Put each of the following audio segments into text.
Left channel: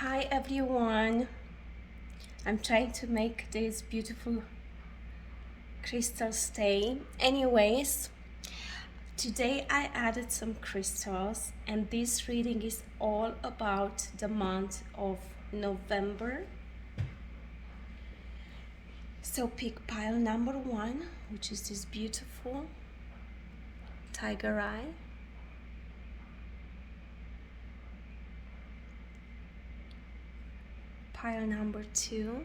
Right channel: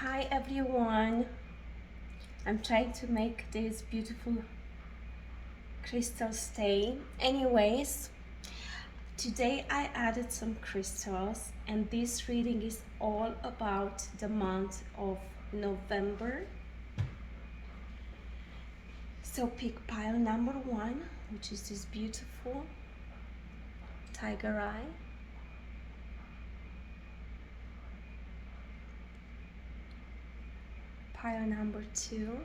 Hi everyone. I'm trying to make this beautiful crystal stay. Anyways, today I added some crystals and this reading is all about the month of November. So pick pile number 1, which is this beautiful tiger eye. Pile number 2.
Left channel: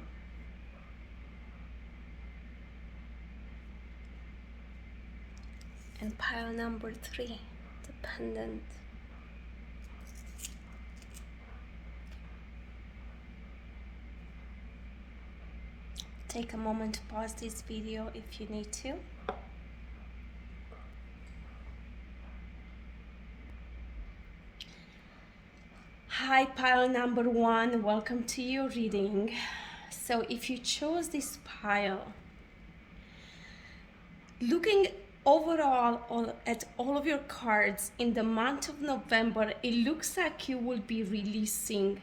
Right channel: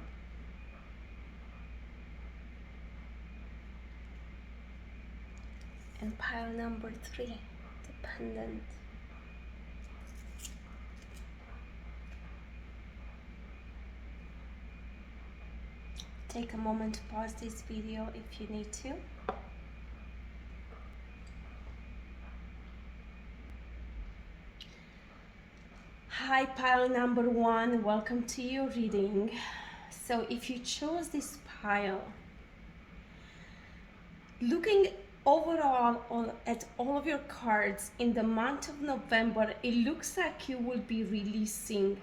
And pile number 3, the pendant. Take a moment to pause this video if you need to. Hi, pile number 1, welcome to your reading. So if you chose this pile, looking overall at all of your cards in the month of November, it looks like you will be releasing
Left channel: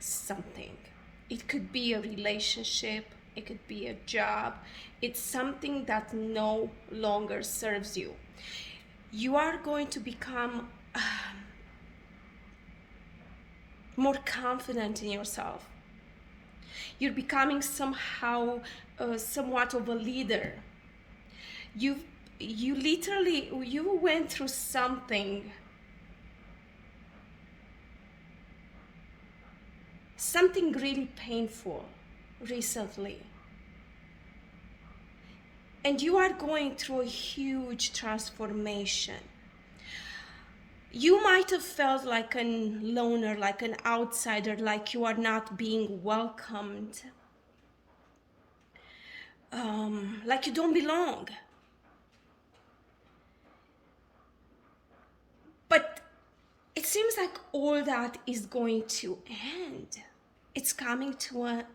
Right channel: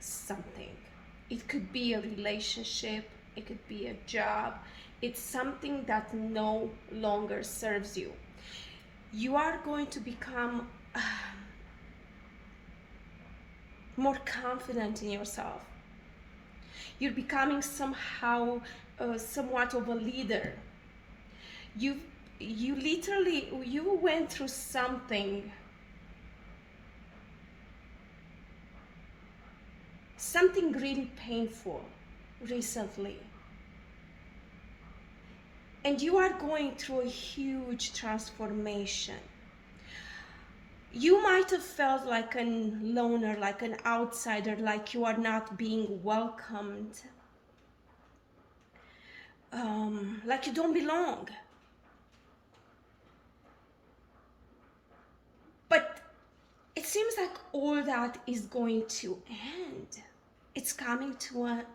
something. It could be a relationship, it could be a job. It's something that no longer serves you. You are going to become more confident in yourself. You're becoming somewhat of a leader. You went through something really painful recently, and you are going through a huge transformation. You might have felt like a loner, like an outsider, like you are not being welcomed, like you don't belong. But it seems like all that is going to end. It's coming to an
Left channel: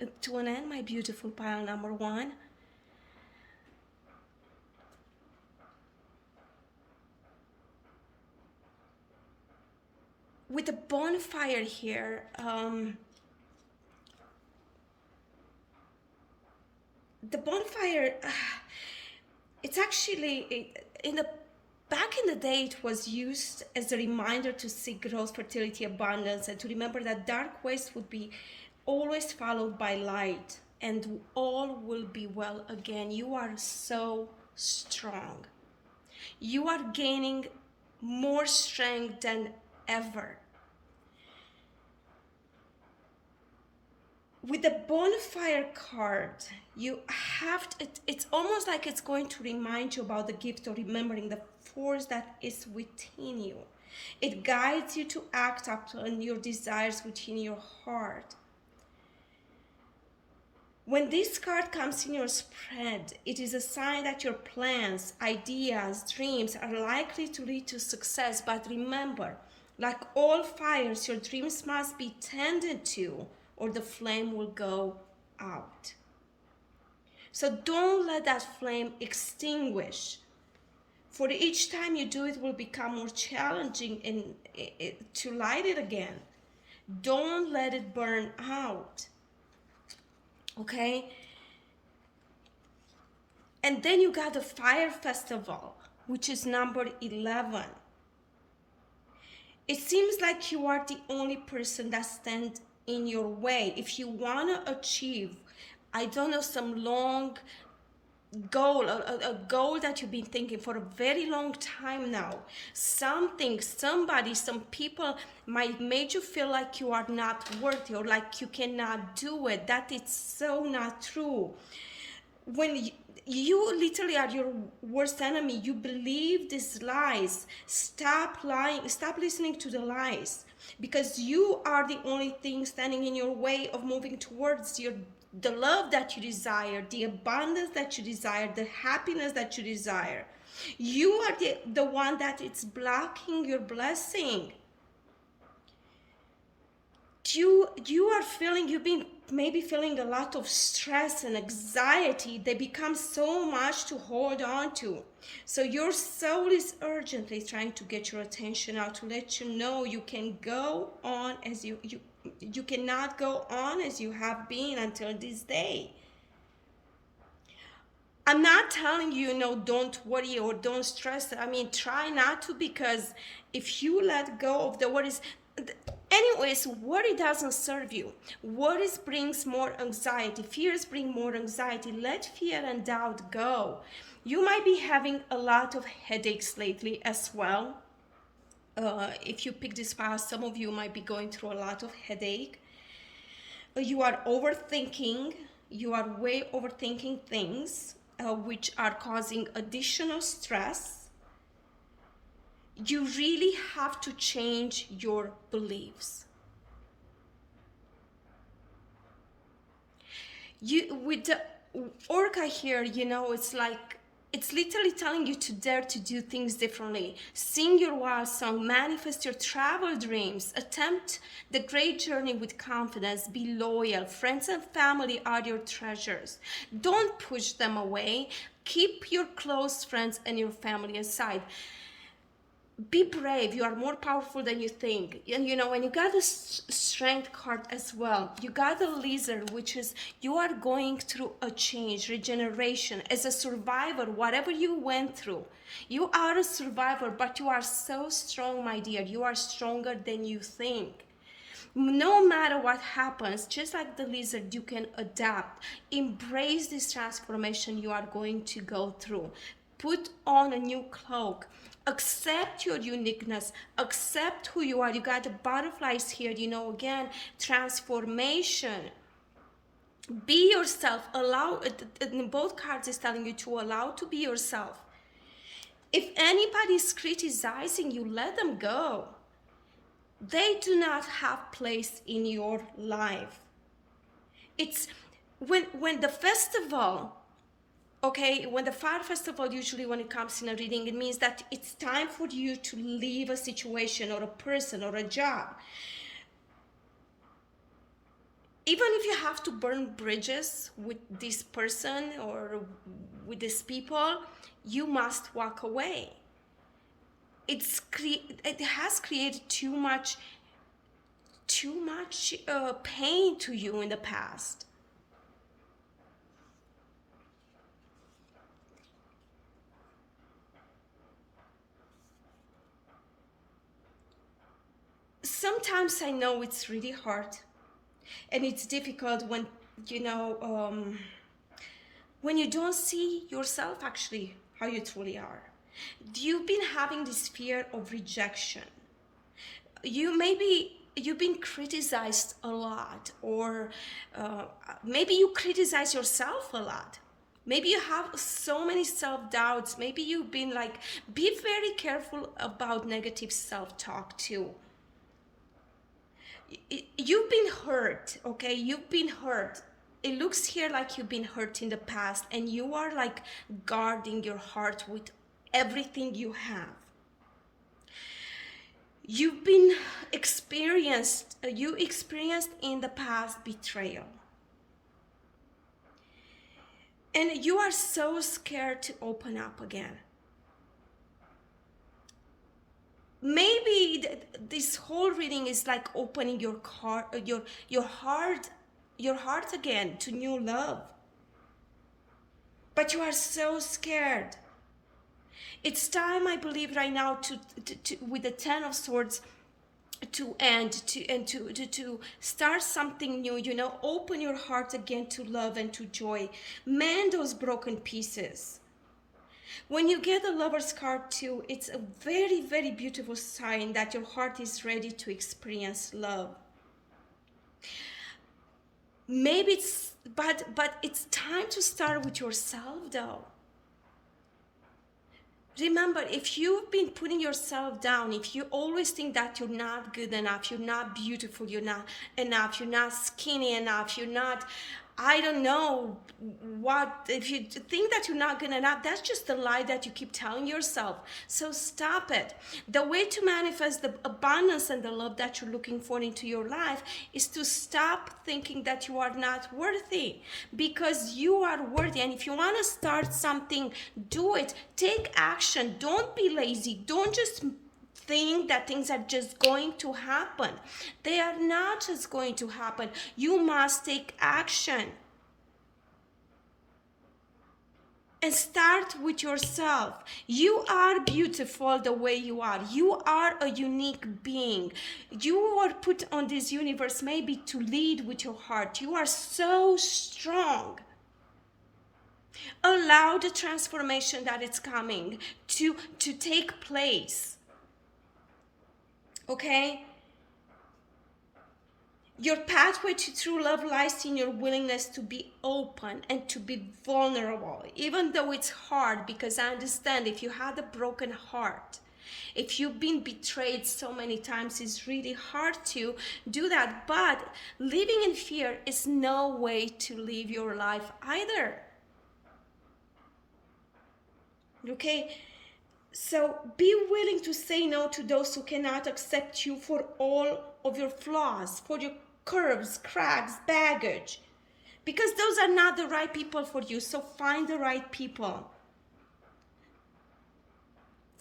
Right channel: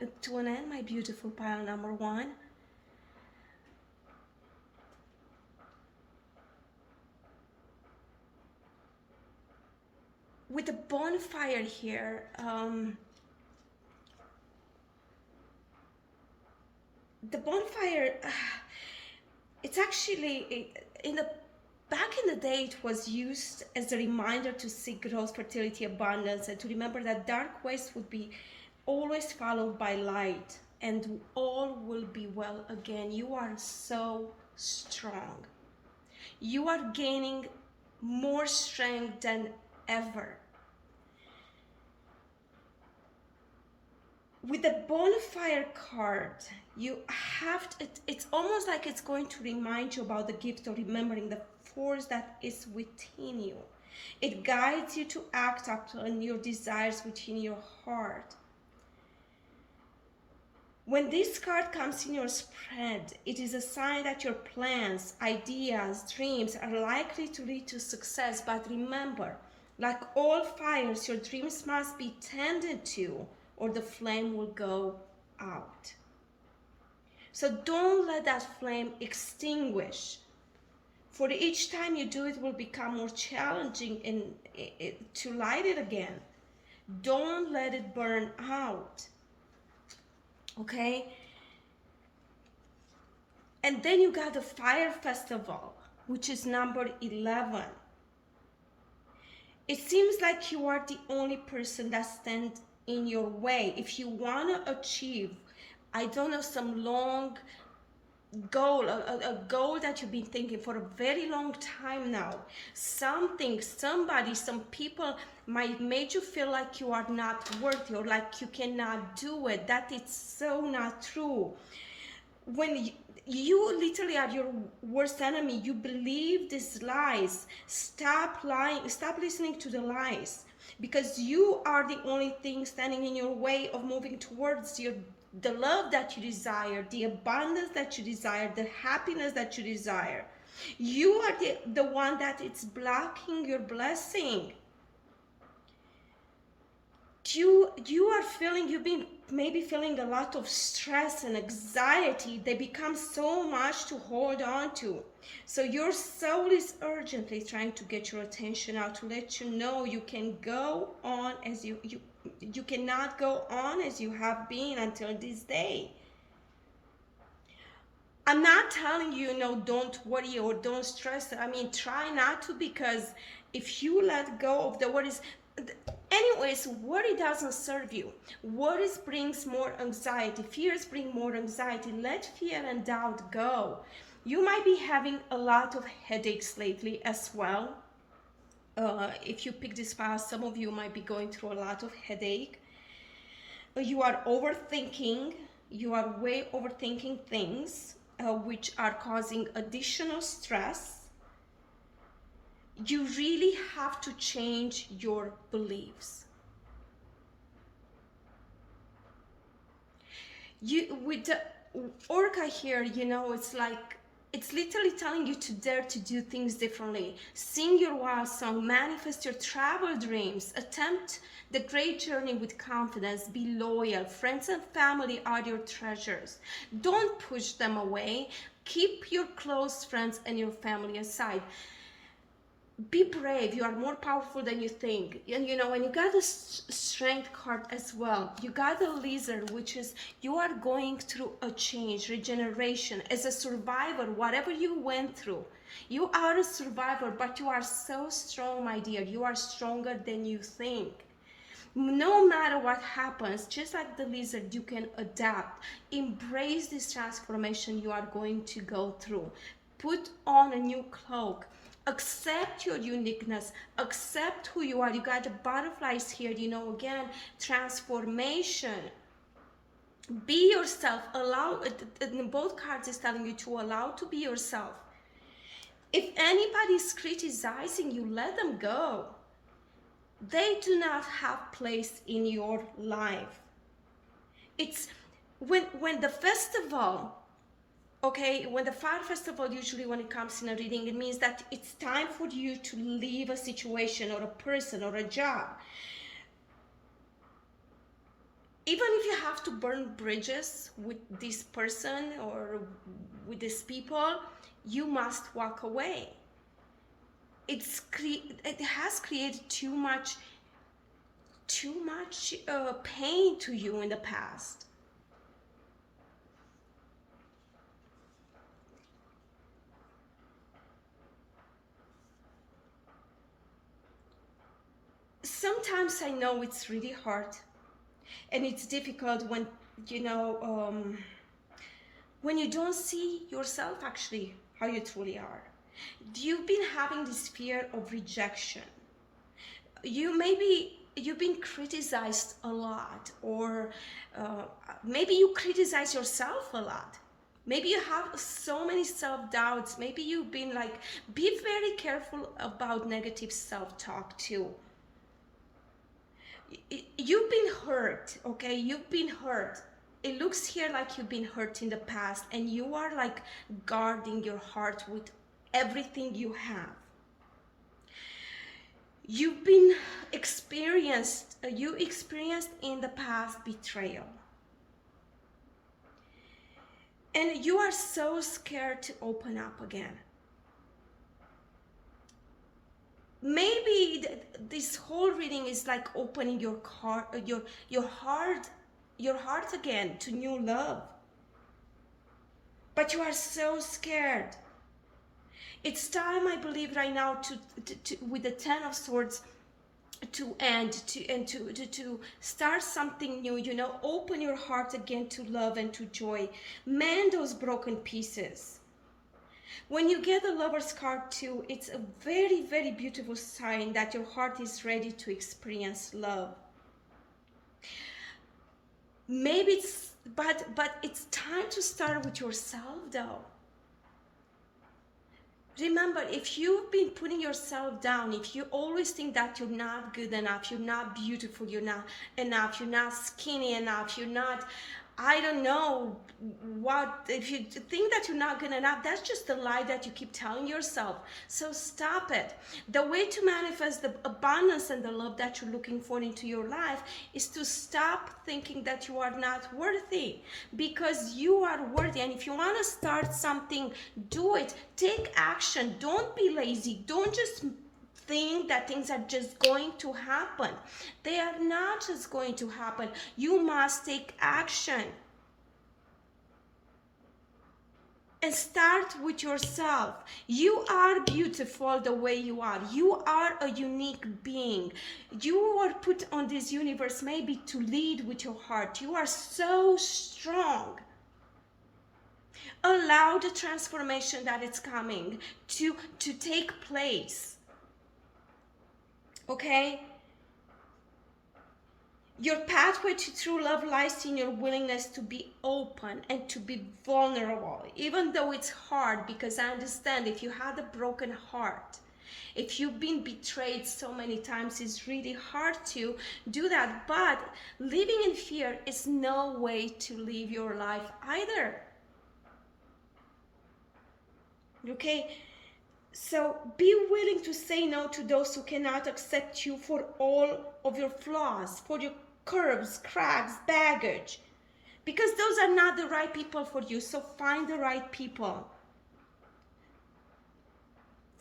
end, my beautiful pile number 1. With the bonfire here, the bonfire, it's actually, back in the day, it was used as a reminder to seek growth, fertility, abundance, and to remember that dark ways would be always followed by light, and all will be well again. You are so strong. You are gaining more strength than ever. With the bonfire card, you have to, it's almost like it's going to remind you about the gift of remembering the force that is within you. It guides you to act upon your desires within your heart. When this card comes in your spread, it is a sign that your plans, ideas, dreams are likely to lead to success. But remember, like all fires, your dreams must be tended to, or the flame will go out. So don't let that flame extinguish. For each time you do, it will become more challenging to light it again. Don't let it burn out. Okay? And then you got the Fire Festival, which is number 11. It seems like you are the only person that stands in your way. If you want to achieve, I don't know, some long goal, a goal that you've been thinking for a very long time now, something, somebody, some people might make you feel like you are not worthy or like you cannot do it. That is so not true. When you literally are your worst enemy, you believe these lies. Stop lying, stop listening to the lies, because you are the only thing standing in your way of moving towards the love that you desire, the abundance that you desire, the happiness that you desire. You are the one that it's blocking your blessing. You are feeling you've been maybe feeling a lot of stress and anxiety, they become so much to hold on to. So your soul is urgently trying to get your attention out, to let you know you can go on as you cannot go on as you have been until this day. I'm not telling you, no, don't worry or don't stress. I mean, try not to, because if you let go of the worries, anyways, worry doesn't serve you. Worries brings more anxiety. Fears bring more anxiety. Let fear and doubt go. You might be having a lot of headaches lately as well. If you pick this file, some of you might be going through a lot of headache. You are overthinking. You are way overthinking things, which are causing additional stress. You really have to change your beliefs. With the orca here, it's literally telling you to dare to do things differently. Sing your wild song, manifest your travel dreams, attempt the great journey with confidence, be loyal. Friends and family are your treasures. Don't push them away. Keep your close friends and your family aside. Be brave. You are more powerful than you think. And you got the strength card as well. You got the lizard, which is you are going through a change, regeneration. As a survivor, whatever you went through, you are a survivor, but you are so strong, my dear. You are stronger than you think. No matter what happens, just like the lizard, you can adapt. Embrace this transformation you are going to go through. Put on a new cloak. Accept your uniqueness. Accept who you are. You got the butterflies here, again, transformation. Be yourself. Allow, in both cards is telling you to allow to be yourself. If anybody is criticizing you, let them go. They do not have place in your life. It's when the festival, okay, when the fire festival, usually when it comes in a reading, it means that it's time for you to leave a situation or a person or a job. Even if you have to burn bridges with this person or with these people, you must walk away. It has created too much pain to you in the past. Sometimes I know it's really hard and it's difficult when when you don't see yourself actually how you truly are. You've been having this fear of rejection. You've been criticized a lot, or maybe you criticize yourself a lot. Maybe you have so many self-doubts. Maybe you've been be very careful about negative self-talk too. You've been hurt, okay? You've been hurt. It looks here like you've been hurt in the past, and you are guarding your heart with everything you have. You experienced in the past betrayal. And you are so scared to open up again. Maybe this whole reading is opening your heart again to new love. But you are so scared. It's time, I believe, right now to with the Ten of Swords, to start something new. Open your heart again to love and to joy. Mend those broken pieces. When you get the Lover's card too, it's a very, very beautiful sign that your heart is ready to experience love. Maybe but it's time to start with yourself though. Remember, if you've been putting yourself down, if you always think that you're not good enough, you're not beautiful, you're not enough, you're not skinny enough, you're not I don't know what, if you think that you're not gonna not, that's just a lie that you keep telling yourself. So stop it. The way to manifest the abundance and the love that you're looking for into your life is to stop thinking that you are not worthy, because you are worthy. And if you want to start something, do it. Take action. Don't be lazy. Don't just think that things are just going to happen. They are not just going to happen. You must take action. And start with yourself. You are beautiful the way you are. You are a unique being. You were put on this universe maybe to lead with your heart. You are so strong. Allow the transformation that is coming to take place. Okay? Your pathway to true love lies in your willingness to be open and to be vulnerable, even though it's hard, because I understand if you had a broken heart, if you've been betrayed so many times, it's really hard to do that. But living in fear is no way to live your life either. Okay? So be willing to say no to those who cannot accept you for all of your flaws, for your curves, cracks, baggage, because those are not the right people for you. So find the right people.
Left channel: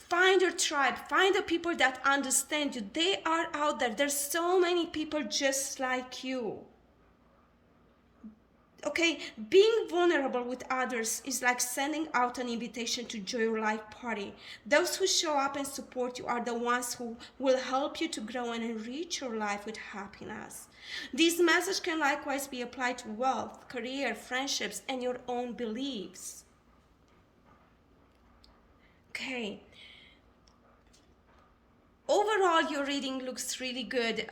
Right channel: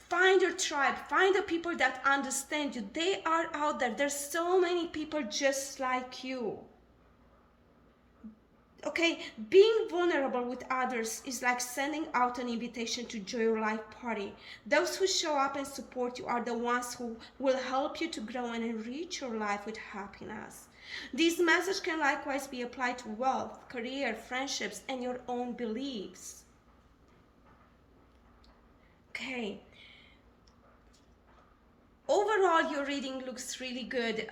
Find your tribe. Find the people that understand you. They are out there. There's so many people just like you. Okay, being vulnerable with others is like sending out an invitation to join your life party. Those who show up and support you are the ones who will help you to grow and enrich your life with happiness. This message can likewise be applied to wealth, career, friendships, and your own beliefs. Okay. Overall, your reading looks really good.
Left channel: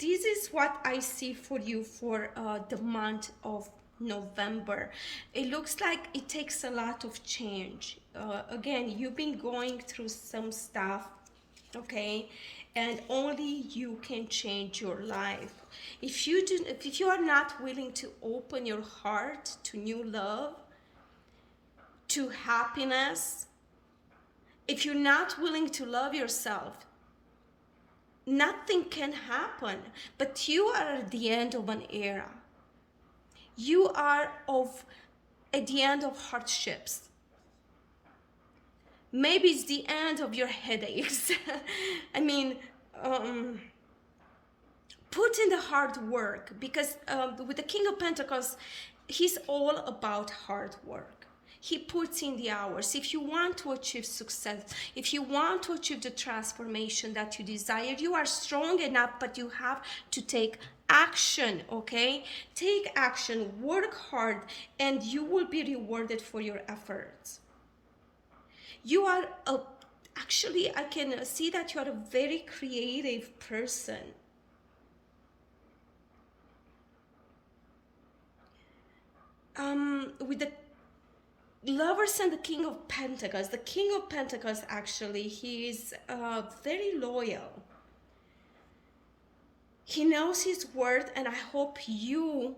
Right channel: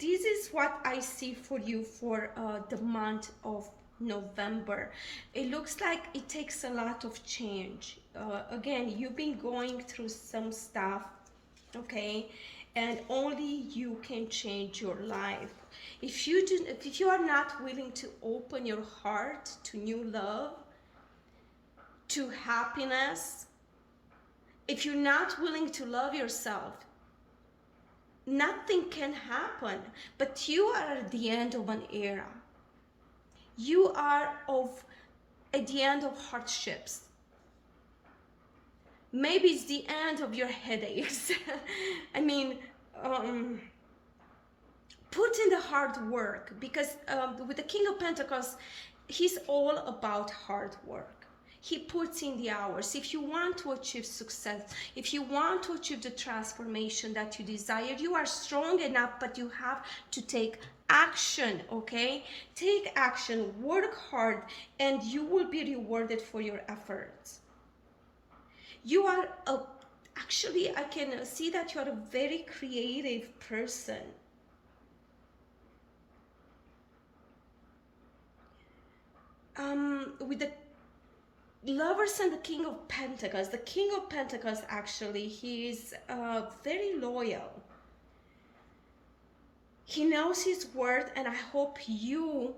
This is what I see for you for the month of November. It looks like it takes a lot of change. Again, you've been going through some stuff, okay, and only you can change your life. If you are not willing to open your heart to new love, to happiness, if you're not willing to love yourself, nothing can happen. But you are at the end of an era. You are at the end of hardships. Maybe it's the end of your headaches. I mean, put in the hard work, because with the King of Pentacles, he's all about hard work. He puts in the hours. If you want to achieve success, if you want to achieve the transformation that you desire, you are strong enough, but you have to take action, okay? Take action, work hard, and you will be rewarded for your efforts. You are actually, I can see that you are a very creative person. With the Lovers and the King of Pentacles. The King of Pentacles, actually, he is very loyal. He knows his worth, and I hope you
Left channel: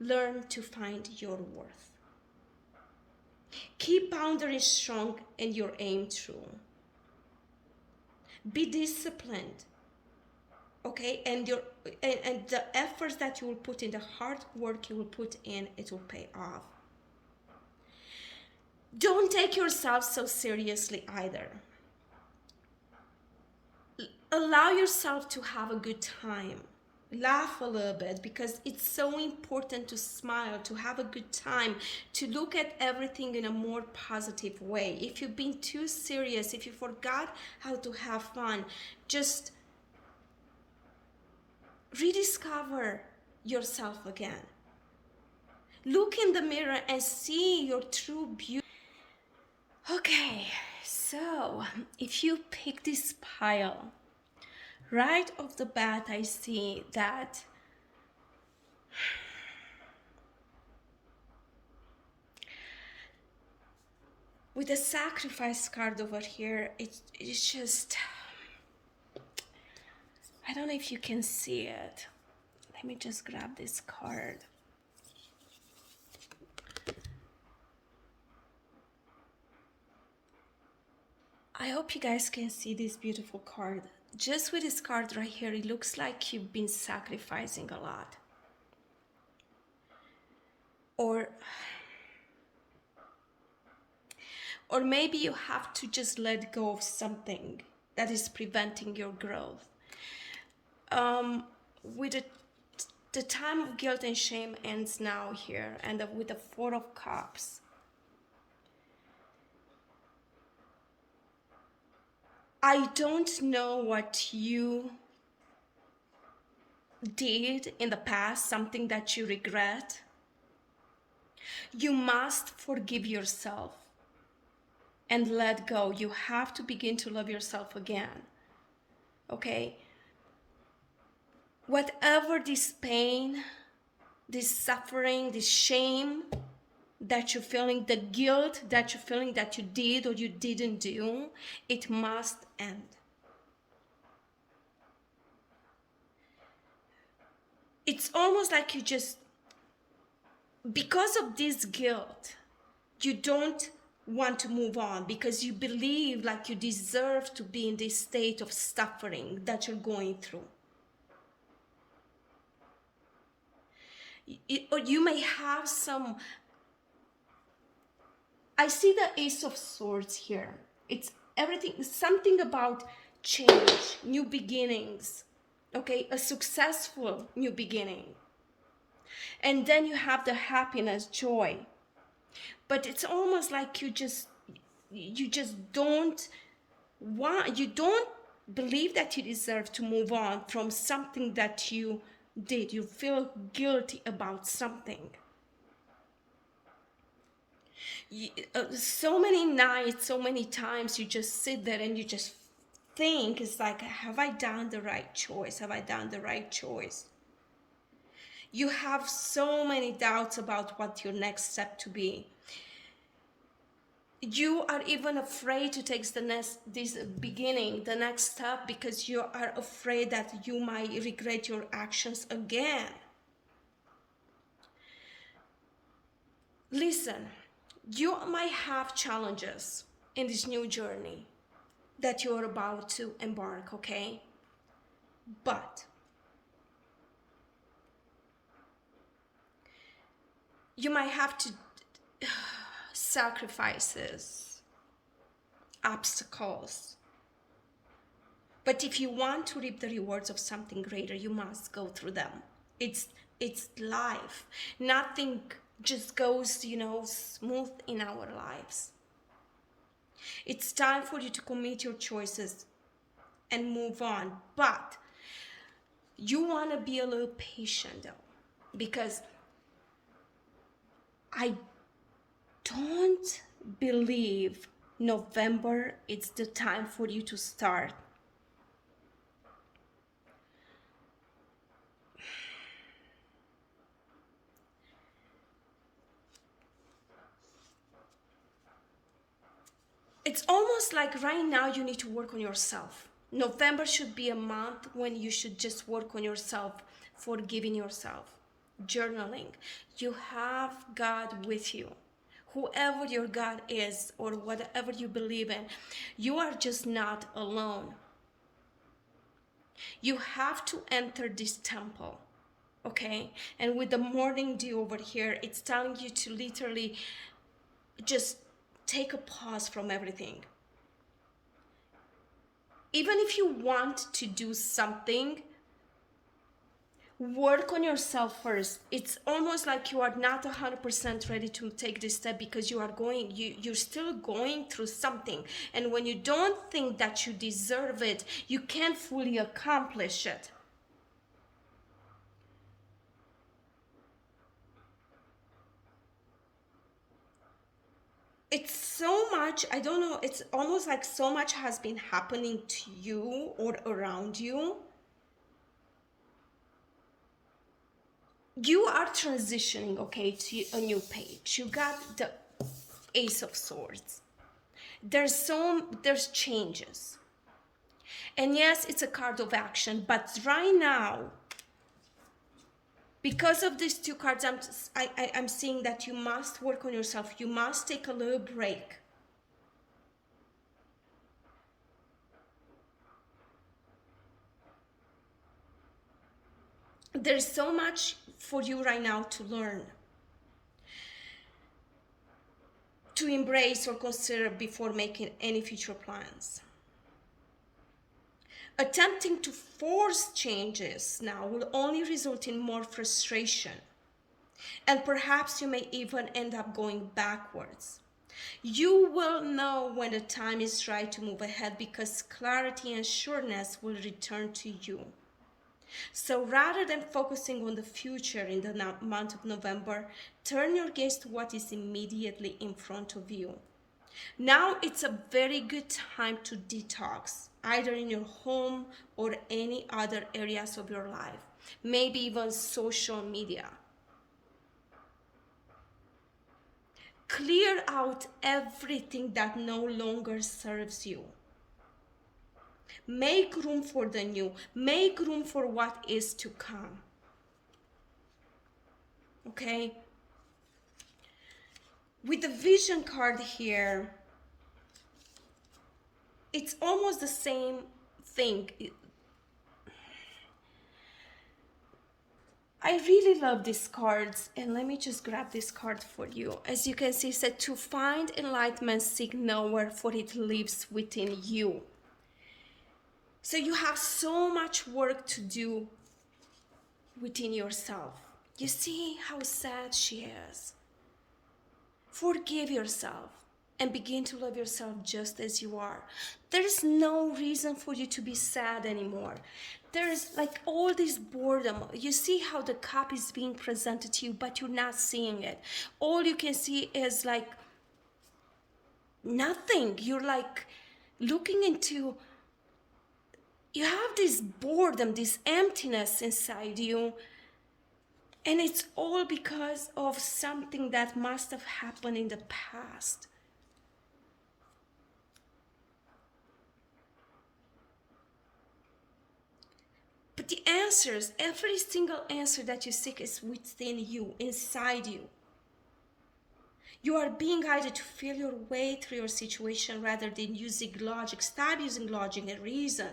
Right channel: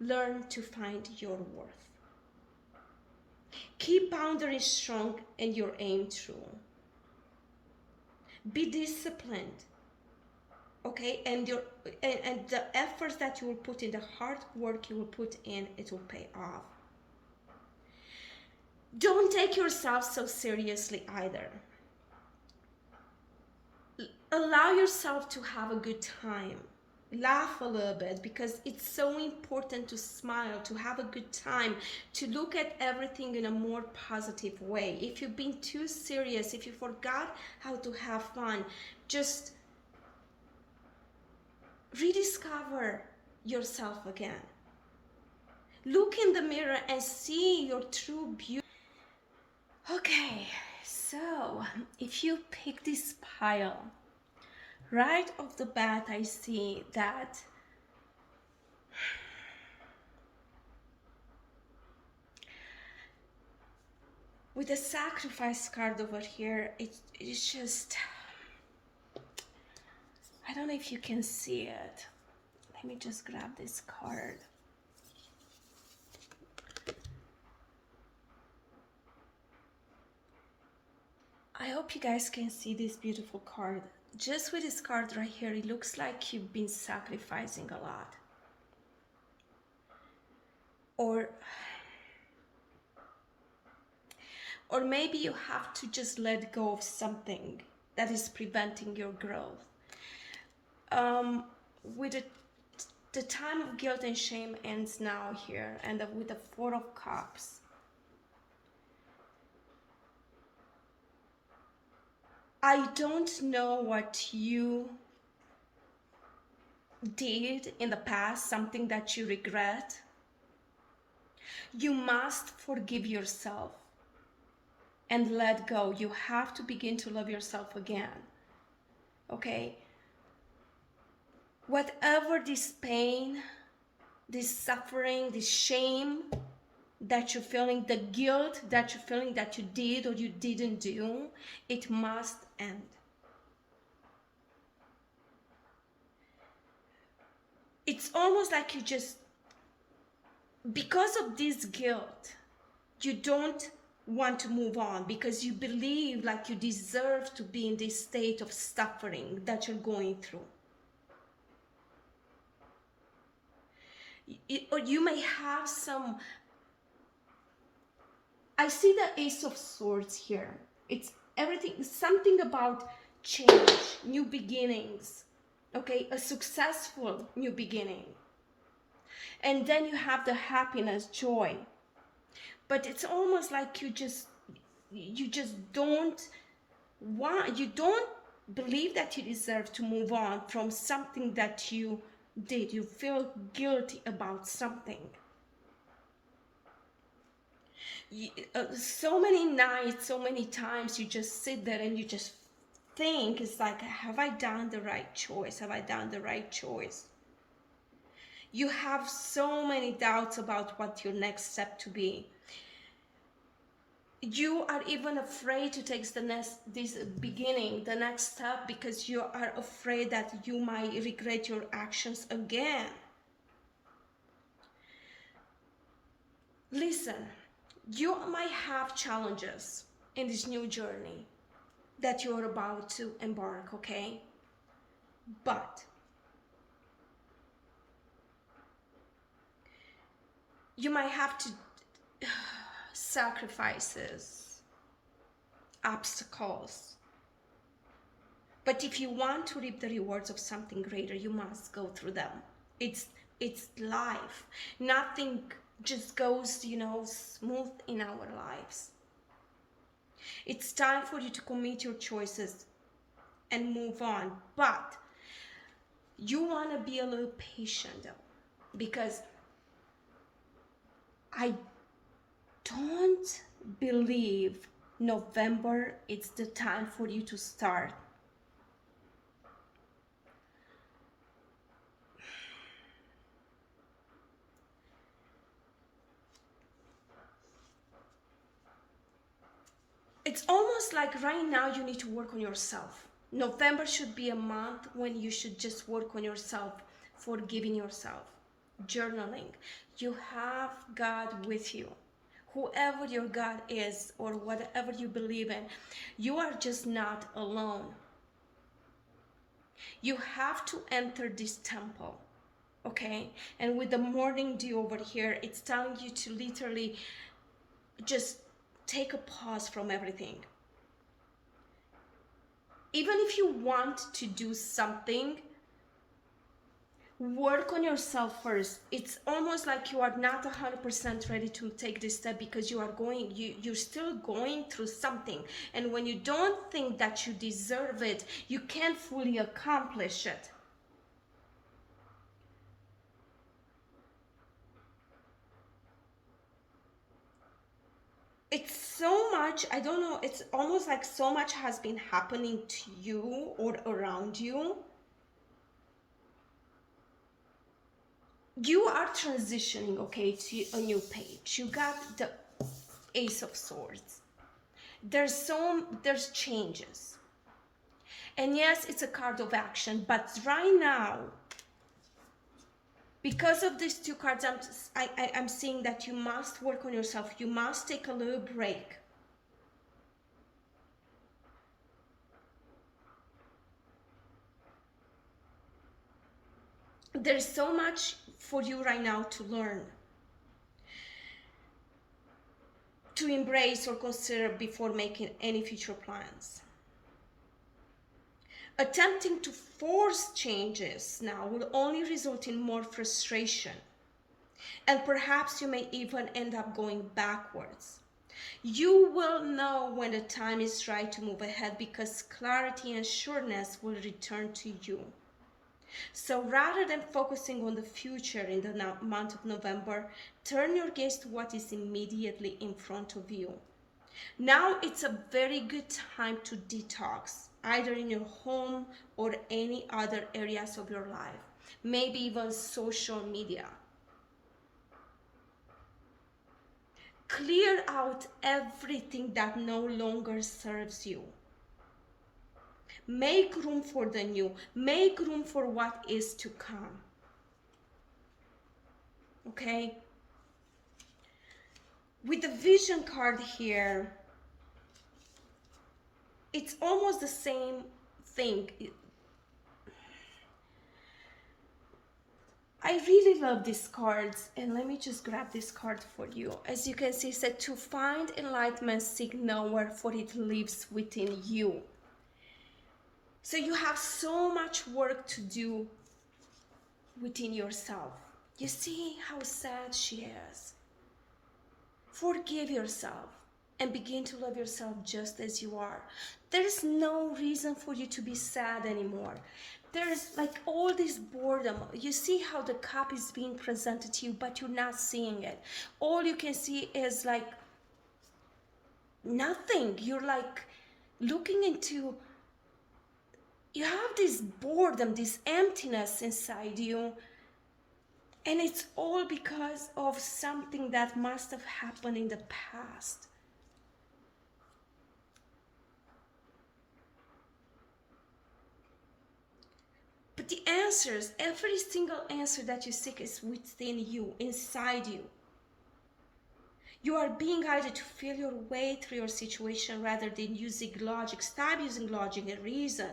learn to find your worth. Keep boundaries strong and your aim true. Be disciplined, okay? And the efforts that you will put in, the hard work you will put in, it will pay off. Don't take yourself so seriously either. Allow yourself to have a good time. Laugh a little bit, because it's so important to smile, to have a good time, to look at everything in a more positive way. If you've been too serious, if you forgot how to have fun, just rediscover yourself again. Look in the mirror and see your true beauty. Okay, so if you pick this pile, right off the bat, I see that with the sacrifice card over here, it's just, I don't know if you can see it. Let me just grab this card. I hope you guys can see this beautiful card. Just with this card right here, it looks like you've been sacrificing a lot. Or maybe you have to just let go of something that is preventing your growth. With the time of guilt and shame ends now here, and with the Four of Cups. I don't know what you did in the past, something that you regret. You must forgive yourself and let go. You have to begin to love yourself again. Okay? Whatever this pain, this suffering, this shame that you're feeling, the guilt that you're feeling that you did or you didn't do, it must end. It's almost like you just, because of this guilt, you don't want to move on because you believe like you deserve to be in this state of suffering that you're going through. Or you may have some, I see the Ace of Swords here. It's everything, something about change, new beginnings, okay, a successful new beginning. And then you have the happiness, joy. But it's almost like you just don't want, you don't believe that you deserve to move on from something that you did. You feel guilty about something. So many nights, so many times you just sit there and you just think, it's like, have I done the right choice? Have I done the right choice? You have so many doubts about what your next step to be. You are even afraid to take the next step, because you are afraid that you might regret your actions again. Listen, you might have challenges in this new journey that you're about to embark, okay? But you might have to sacrifices, obstacles. But if you want to reap the rewards of something greater, you must go through them. It's life. Nothing just goes, smooth in our lives. It's time for you to commit your choices and move on. But you want to be a little patient though, because I don't believe November is the time for you to start. It's almost like right now you need to work on yourself. November should be a month when you should just work on yourself, forgiving yourself, journaling. You have God with you. Whoever your God is or whatever you believe in, you are just not alone. You have to enter this temple, okay? And with the morning dew over here, it's telling you to literally just take a pause from everything. Even if you want to do something, work on yourself first. It's almost like you are not 100% ready to take this step because you're still going through something. And when you don't think that you deserve it, you can't fully accomplish it. It's so much, I don't know, it's almost like so much has been happening to you or around you. You are transitioning, okay, to a new page. You got the Ace of Swords. There's changes. And yes, it's a card of action, but right now, because of these two cards, I'm seeing that you must work on yourself. You must take a little break. There's so much for you right now to learn, to embrace or consider before making any future plans. Attempting to force changes now will only result in more frustration, and perhaps you may even end up going backwards. You will know when the time is right to move ahead because clarity and sureness will return to you. So rather than focusing on the future in the month of November, turn your gaze to what is immediately in front of you. Now it's a very good time to detox, either in your home or any other areas of your life, maybe even social media. Clear out everything that no longer serves you. Make room for the new. Make room for what is to come. Okay? With the vision card here, it's almost the same thing. I really love these cards, and let me just grab this card for you. As you can see, it said to find enlightenment, seek nowhere, for it lives within you. So you have so much work to do within yourself. You see how sad she is. Forgive yourself and begin to love yourself just as you are. There's no reason for you to be sad anymore. There's like all this boredom. You see how the cup is being presented to you, but you're not seeing it. All you can see is like nothing. You're like looking into, you have this boredom, this emptiness inside you. And it's all because of something that must have happened in the past. But the answers, every single answer that you seek is within you, inside you. You are being guided to feel your way through your situation rather than using logic. Stop using logic and reason.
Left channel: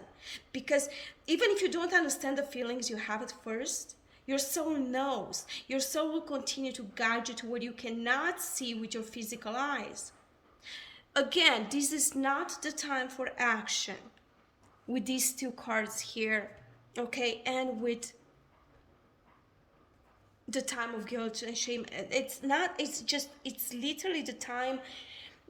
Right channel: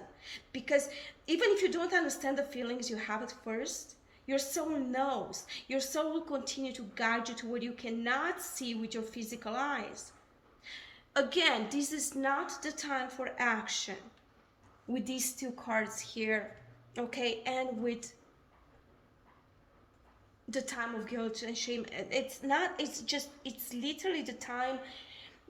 Because even if you don't understand the feelings you have at first, your soul knows. Your soul will continue to guide you to what you cannot see with your physical eyes. Again, this is not the time for action with these two cards here. Okay, and with the time of guilt and shame, it's literally the time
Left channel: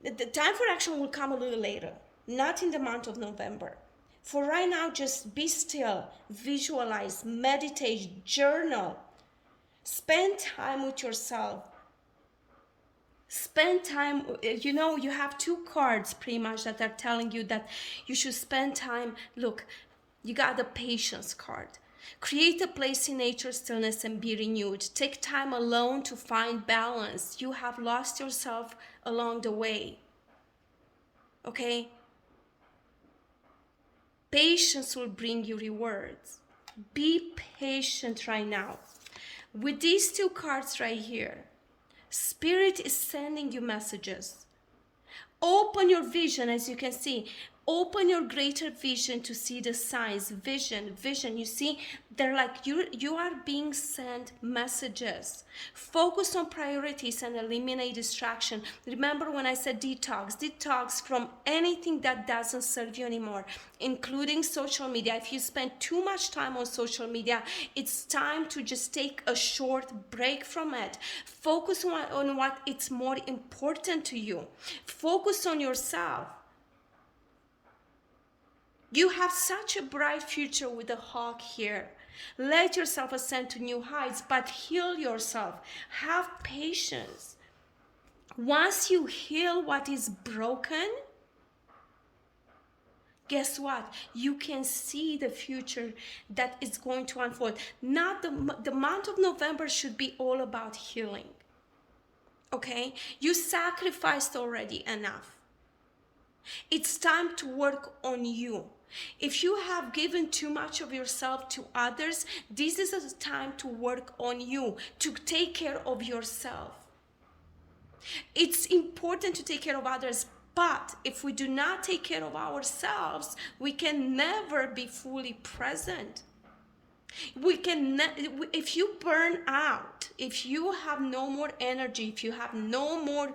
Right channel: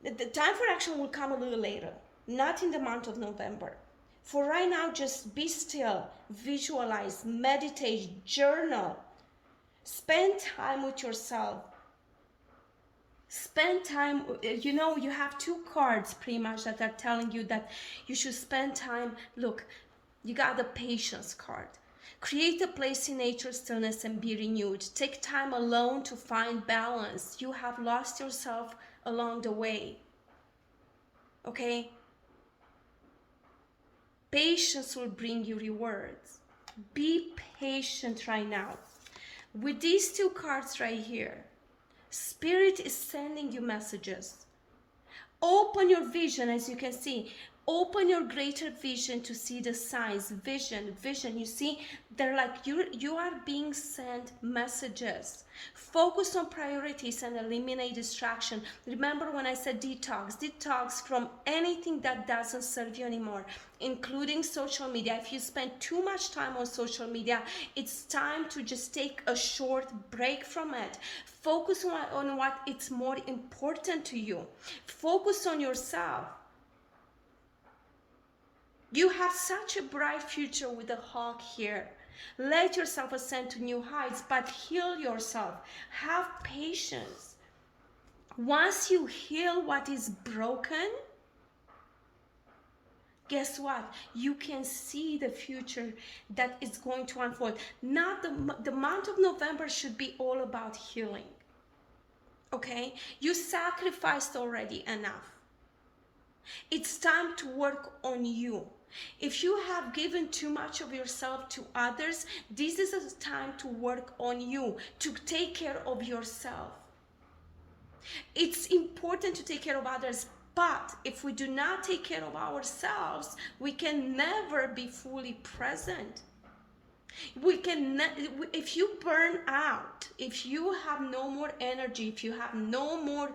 for action will come a little later, not in the month of November. For right now, just be still, visualize, meditate, journal, spend time with yourself. Spend time, you have two cards pretty much that are telling you that you should spend time. Look, you got the patience card. Create a place in nature, stillness, and be renewed. Take time alone to find balance. You have lost yourself along the way. Okay? Patience will bring you rewards. Be patient right now. With these two cards right here, Spirit is sending you messages. Open your vision, as you can see. Open your greater vision to see the signs. Vision. You see, they're like you are being sent messages. Focus on priorities and eliminate distraction. Remember when I said detox from anything that doesn't serve you anymore, including social media. If you spend too much time on social media, it's time to just take a short break from it. Focus on what is more important to you. Focus on yourself. You have such a bright future with the hawk here. Let yourself ascend to new heights, but heal yourself. Have patience. Once you heal what is broken, guess what? You can see the future that is going to unfold. Not the month of November should be all about healing. Okay? You sacrificed already enough. It's time to work on you. If you have given too much of yourself to others, this is a time to work on you, to take care of yourself. It's important to take care of others, but if we do not take care of ourselves, we can never be fully present. We can, if you burn out, if you have no more energy, if you have no more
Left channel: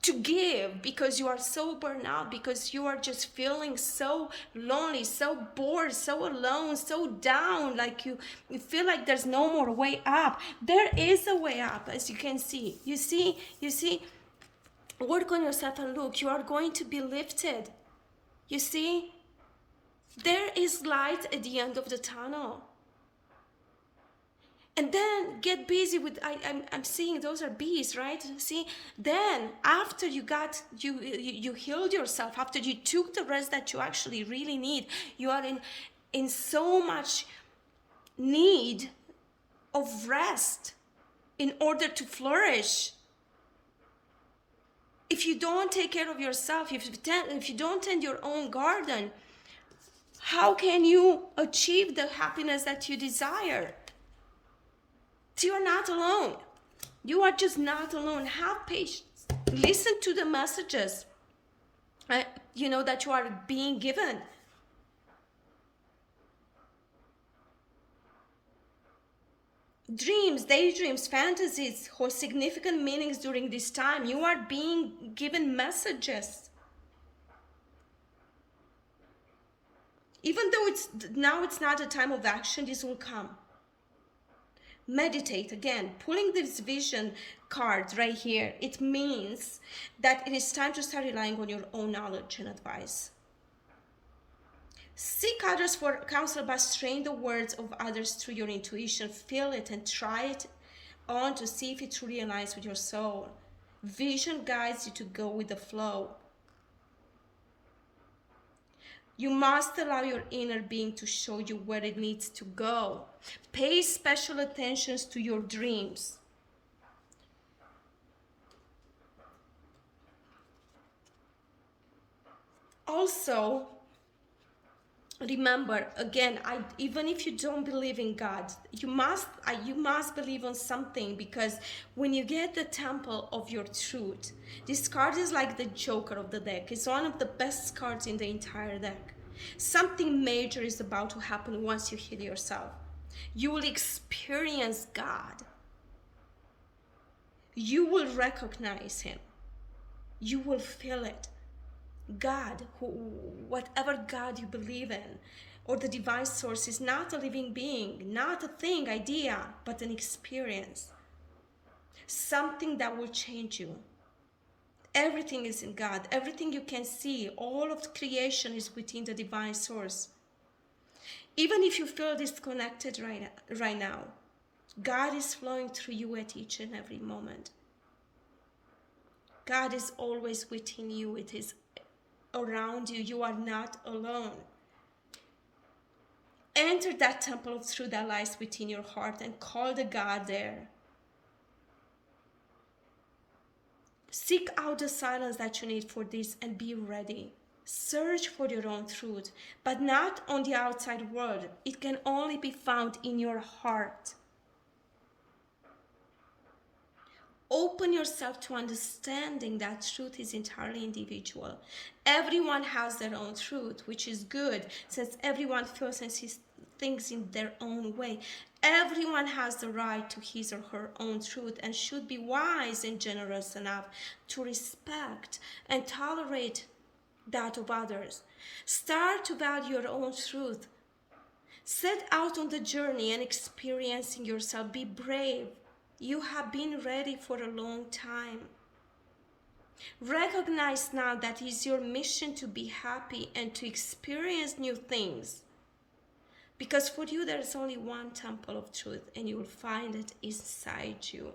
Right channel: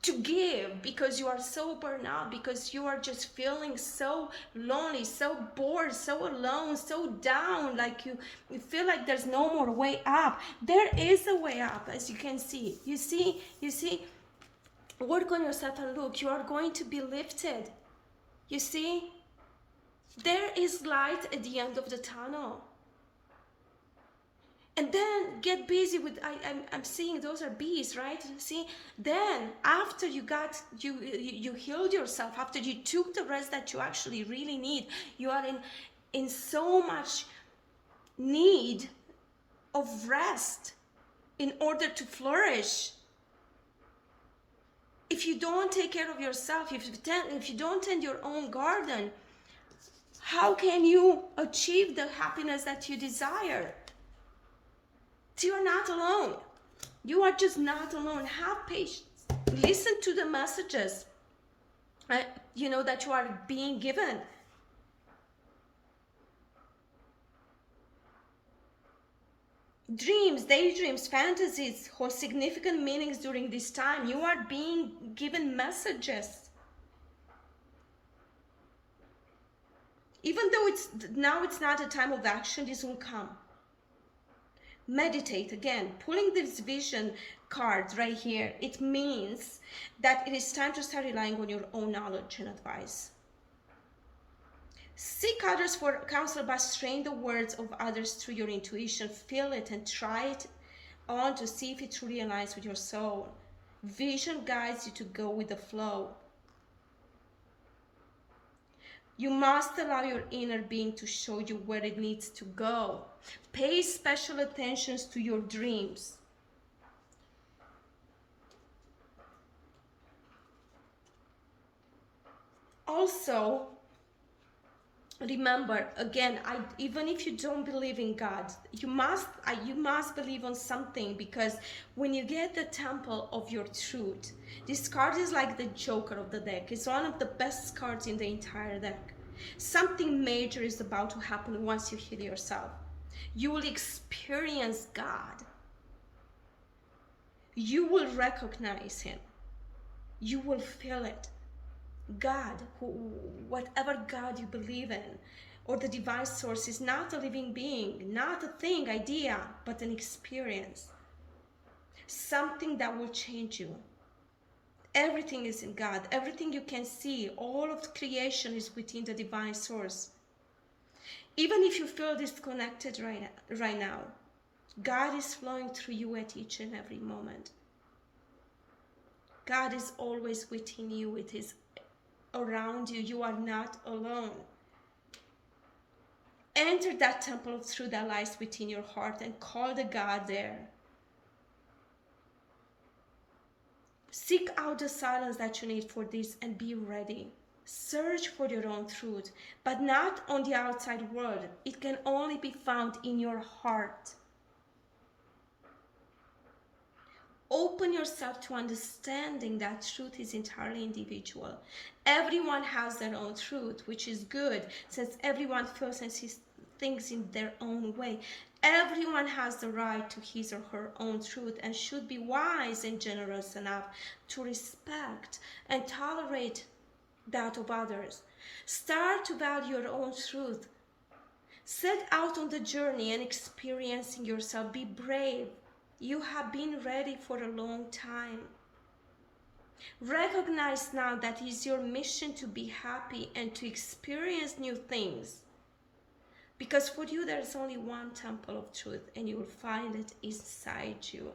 to give, because you are so burned out, because you are just feeling so lonely, so bored, so alone, so down, like you feel like there's no more way up. There is a way up, as you can see. You see, work on yourself and look, you are going to be lifted. You see, there is light at the end of the tunnel. And then get busy with, I'm seeing those are bees, right? See, then after you healed yourself, after you took the rest that you actually really need, you are in so much need of rest in order to flourish. If you don't take care of yourself, if you don't tend your own garden, how can you achieve the happiness that you desire? You are not alone. You are just not alone. Have patience. Listen to the messages, that you are being given. Dreams, daydreams, fantasies hold significant meanings during this time. You are being given messages. Even though it's not a time of action, this will come. Meditate again. Pulling this vision card right here, it means that it is time to start relying on your own knowledge and advice. Seek others for counsel by straying the words of others through your intuition. Feel it and try it on to see if it truly aligns with your soul. Vision guides you to go with the flow. You must allow your inner being to show you where it needs to go. Pay special attention to your dreams. Also, remember, again, even if you don't believe in God, you must believe on something, because when you get the temple of your truth, this card is like the joker of the deck. It's one of the best cards in the entire deck. Something major is about to happen once you heal yourself. You will experience God. You will recognize Him. You will feel it. God, whatever God you believe in, or the divine source, is not a living being, not a thing, idea, but an experience. Something that will change you. Everything is in God. Everything you can see, all of the creation is within the divine source. Even if you feel disconnected right now, God is flowing through you at each and every moment. God is always within you. It is around you. You are not alone. Enter that temple of truth that lies within your heart and call the God there. Seek out the silence that you need for this and be ready. Search for your own truth, but not on the outside world. It can only be found in your heart. Open yourself to understanding that truth is entirely individual. Everyone has their own truth, which is good, since everyone feels and sees things in their own way. Everyone has the right to his or her own truth and should be wise and generous enough to respect and tolerate that of others. Start to value your own truth. Set out on the journey and experiencing yourself. Be brave. You have been ready for a long time. Recognize now that it is your mission to be happy and to experience new things. Because for you, there's only one temple of truth, and you will find it inside you.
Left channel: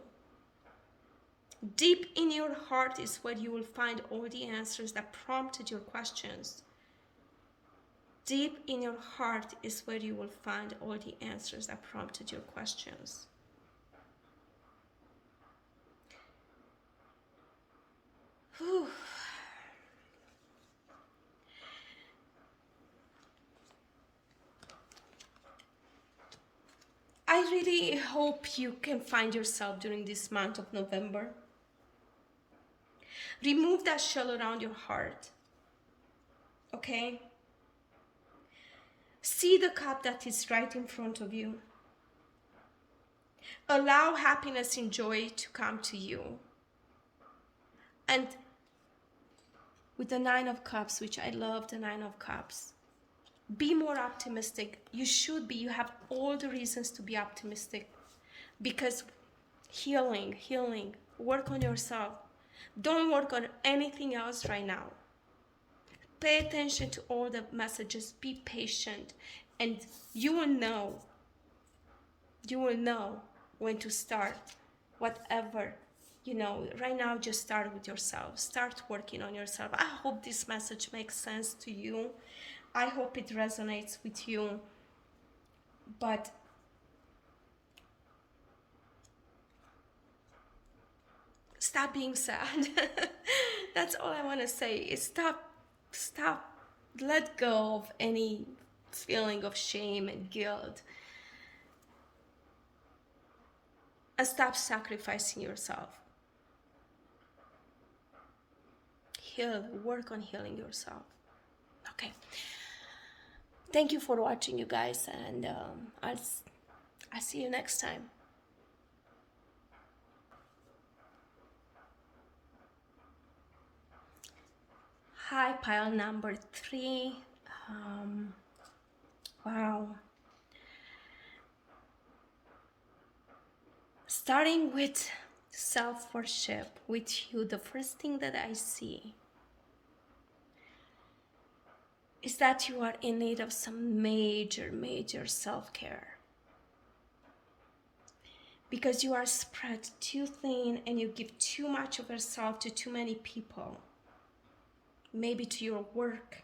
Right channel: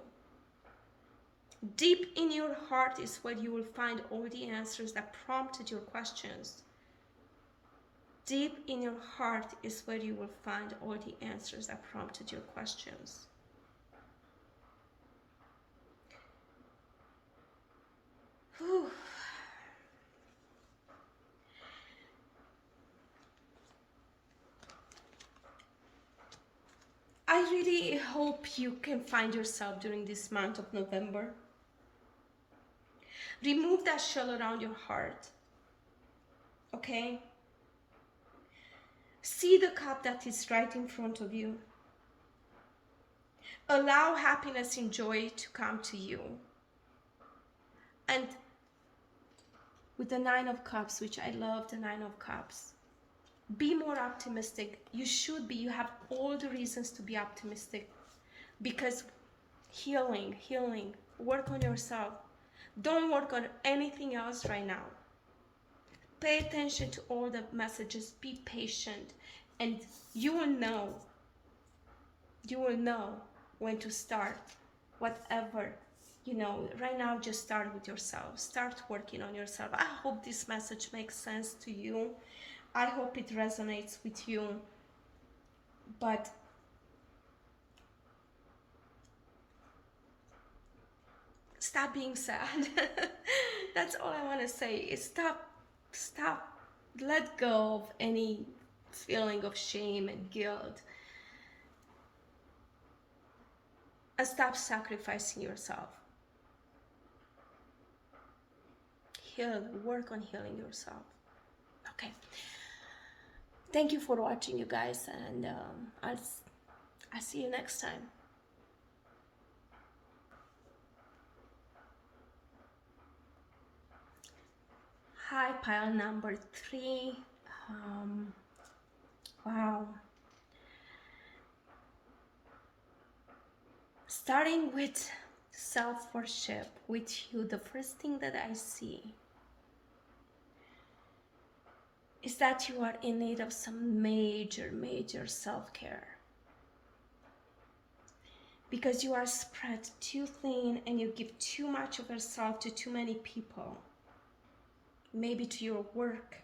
Deep in your heart is where you will find all the answers that prompted your questions. Deep in your heart is where you will find all the answers that prompted your questions. Whew. I really hope you can find yourself during this month of November. Remove that shell around your heart. Okay? See the cup that is right in front of you. Allow happiness and joy to come to you. And with the Nine of Cups, which I love the Nine of Cups, be more optimistic. You should be. You have all the reasons to be optimistic, because healing, work on yourself. Don't work on anything else right now. Pay attention to all the messages. Be patient, and you will know when to start whatever. Right now, just start with yourself. Start working on yourself. I hope this message makes sense to you. I hope it resonates with you. But stop being sad. That's all I want to say is stop, let go of any feeling of shame and guilt. And stop sacrificing yourself. Heal, work on healing yourself. Okay. Thank you for watching, you guys, and I'll see you next time. Hi, pile number 3. Wow. Starting with self-worship with you, the first thing that I see is that you are in need of some major self-care. Because you are spread too thin and you give too much of yourself to too many people. Maybe to your work.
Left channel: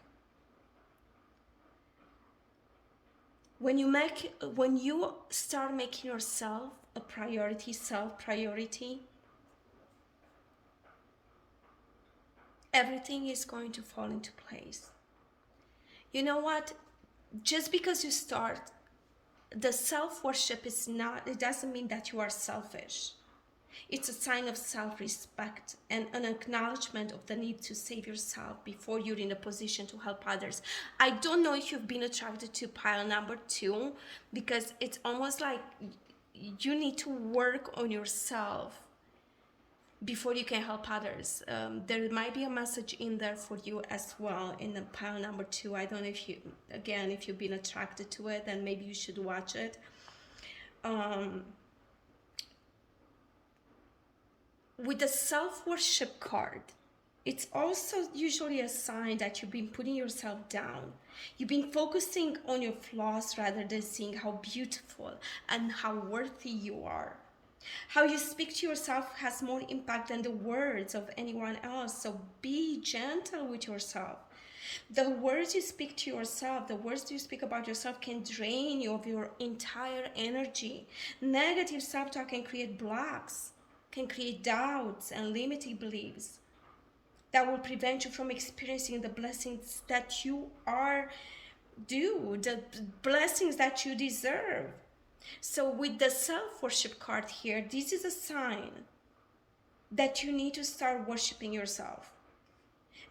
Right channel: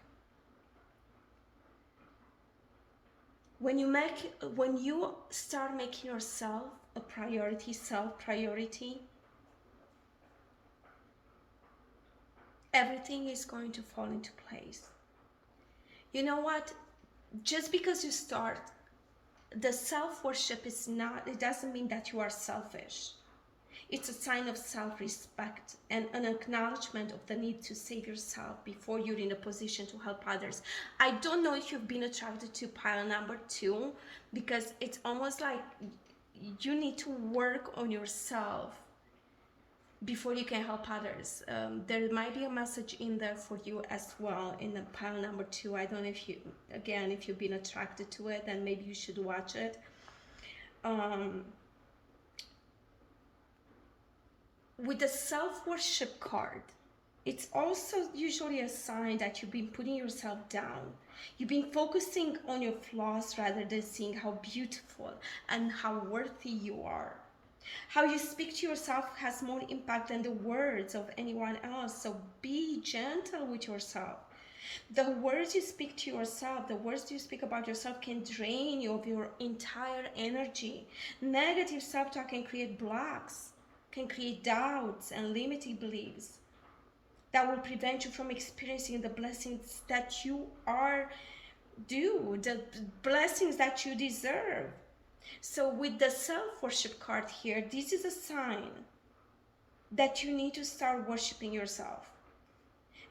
When you start making yourself a priority, self-priority, everything is going to fall into place. You know what? Just because you start, the self-worship it doesn't mean that you are selfish. It's a sign of self-respect and an acknowledgement of the need to save yourself before you're in a position to help others. I don't know if you've been attracted to pile number 2, because it's almost like you need to work on yourself before you can help others. There might be a message in there for you as well in the pile number 2. I don't know if you've been attracted to it, then maybe you should watch it. With the self-worship card, it's also usually a sign that you've been putting yourself down. You've been focusing on your flaws rather than seeing how beautiful and how worthy you are. How you speak to yourself has more impact than the words of anyone else, so be gentle with yourself. The words you speak to yourself, the words you speak about yourself can drain you of your entire energy. Negative self-talk can create blocks, can create doubts and limiting beliefs that will prevent you from experiencing the blessings that you are due, the blessings that you deserve. So with the self-worship card here, this is a sign that you need to start worshiping yourself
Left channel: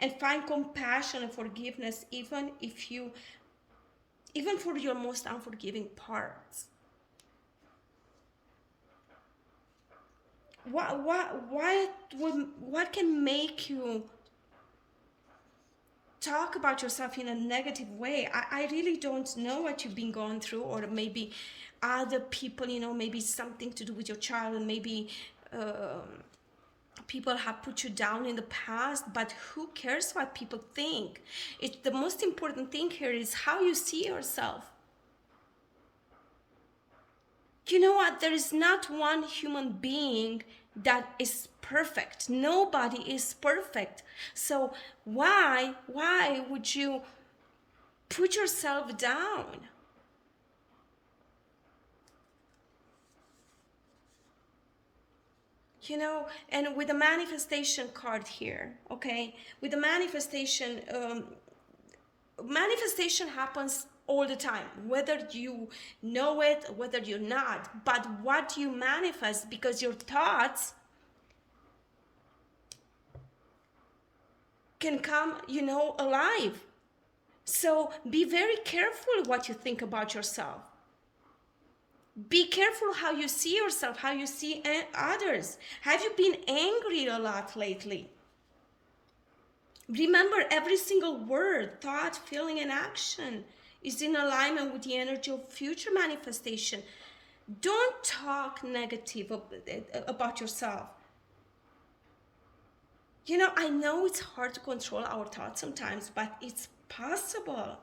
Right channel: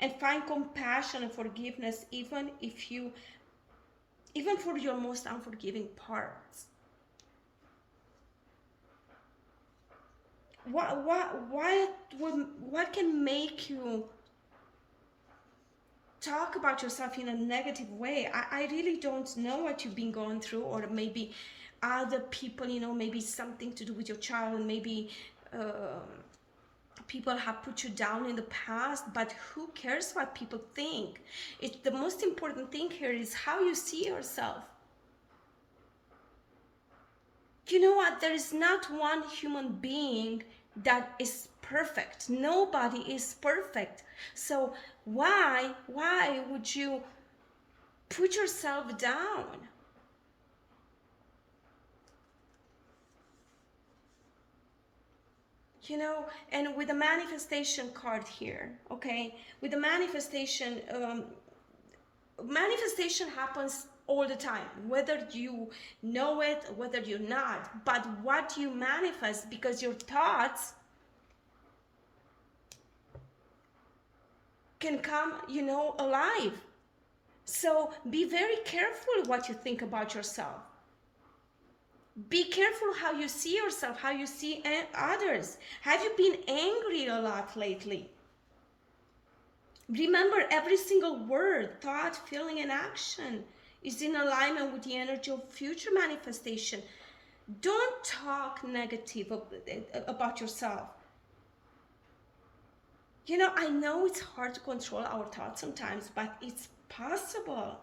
and find compassion and forgiveness even for your most unforgiving parts. What can make you talk about yourself in a negative way? I really don't know what you've been going through, or maybe other people, maybe something to do with your child, maybe people have put you down in the past, but who cares what people think? The most important thing here is how you see yourself. You know what? There is not one human being that is perfect. Nobody is perfect. So why would you put yourself down? And with the manifestation card here, okay, with the manifestation, manifestation happens all the time, whether you know it, whether you're not. But what you manifest, because your thoughts can come, alive. So be very careful what you think about yourself. Be careful how you see yourself, how you see others. Have you been angry a lot lately? Remember, every single word, thought, feeling, and action is in alignment with the energy of future manifestation. Don't talk negative about yourself. You know, I know it's hard to control our thoughts sometimes, but it's possible.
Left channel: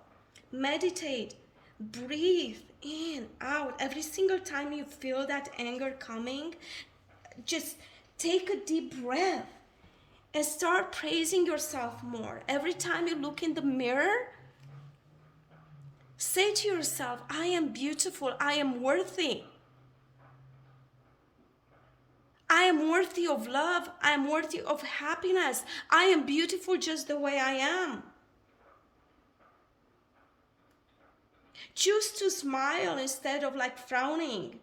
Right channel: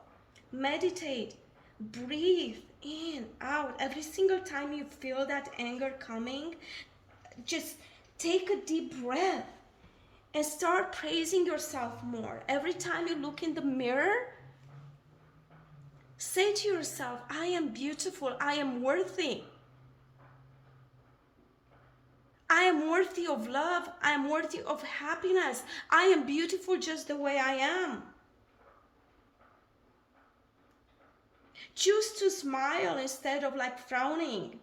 Meditate, breathe in, out. Every single time you feel that anger coming, just take a deep breath and start praising yourself more. Every time you look in the mirror, say to yourself, I am beautiful, I am worthy. I am worthy of love, I am worthy of happiness. I am beautiful just the way I am. Choose to smile instead of like frowning.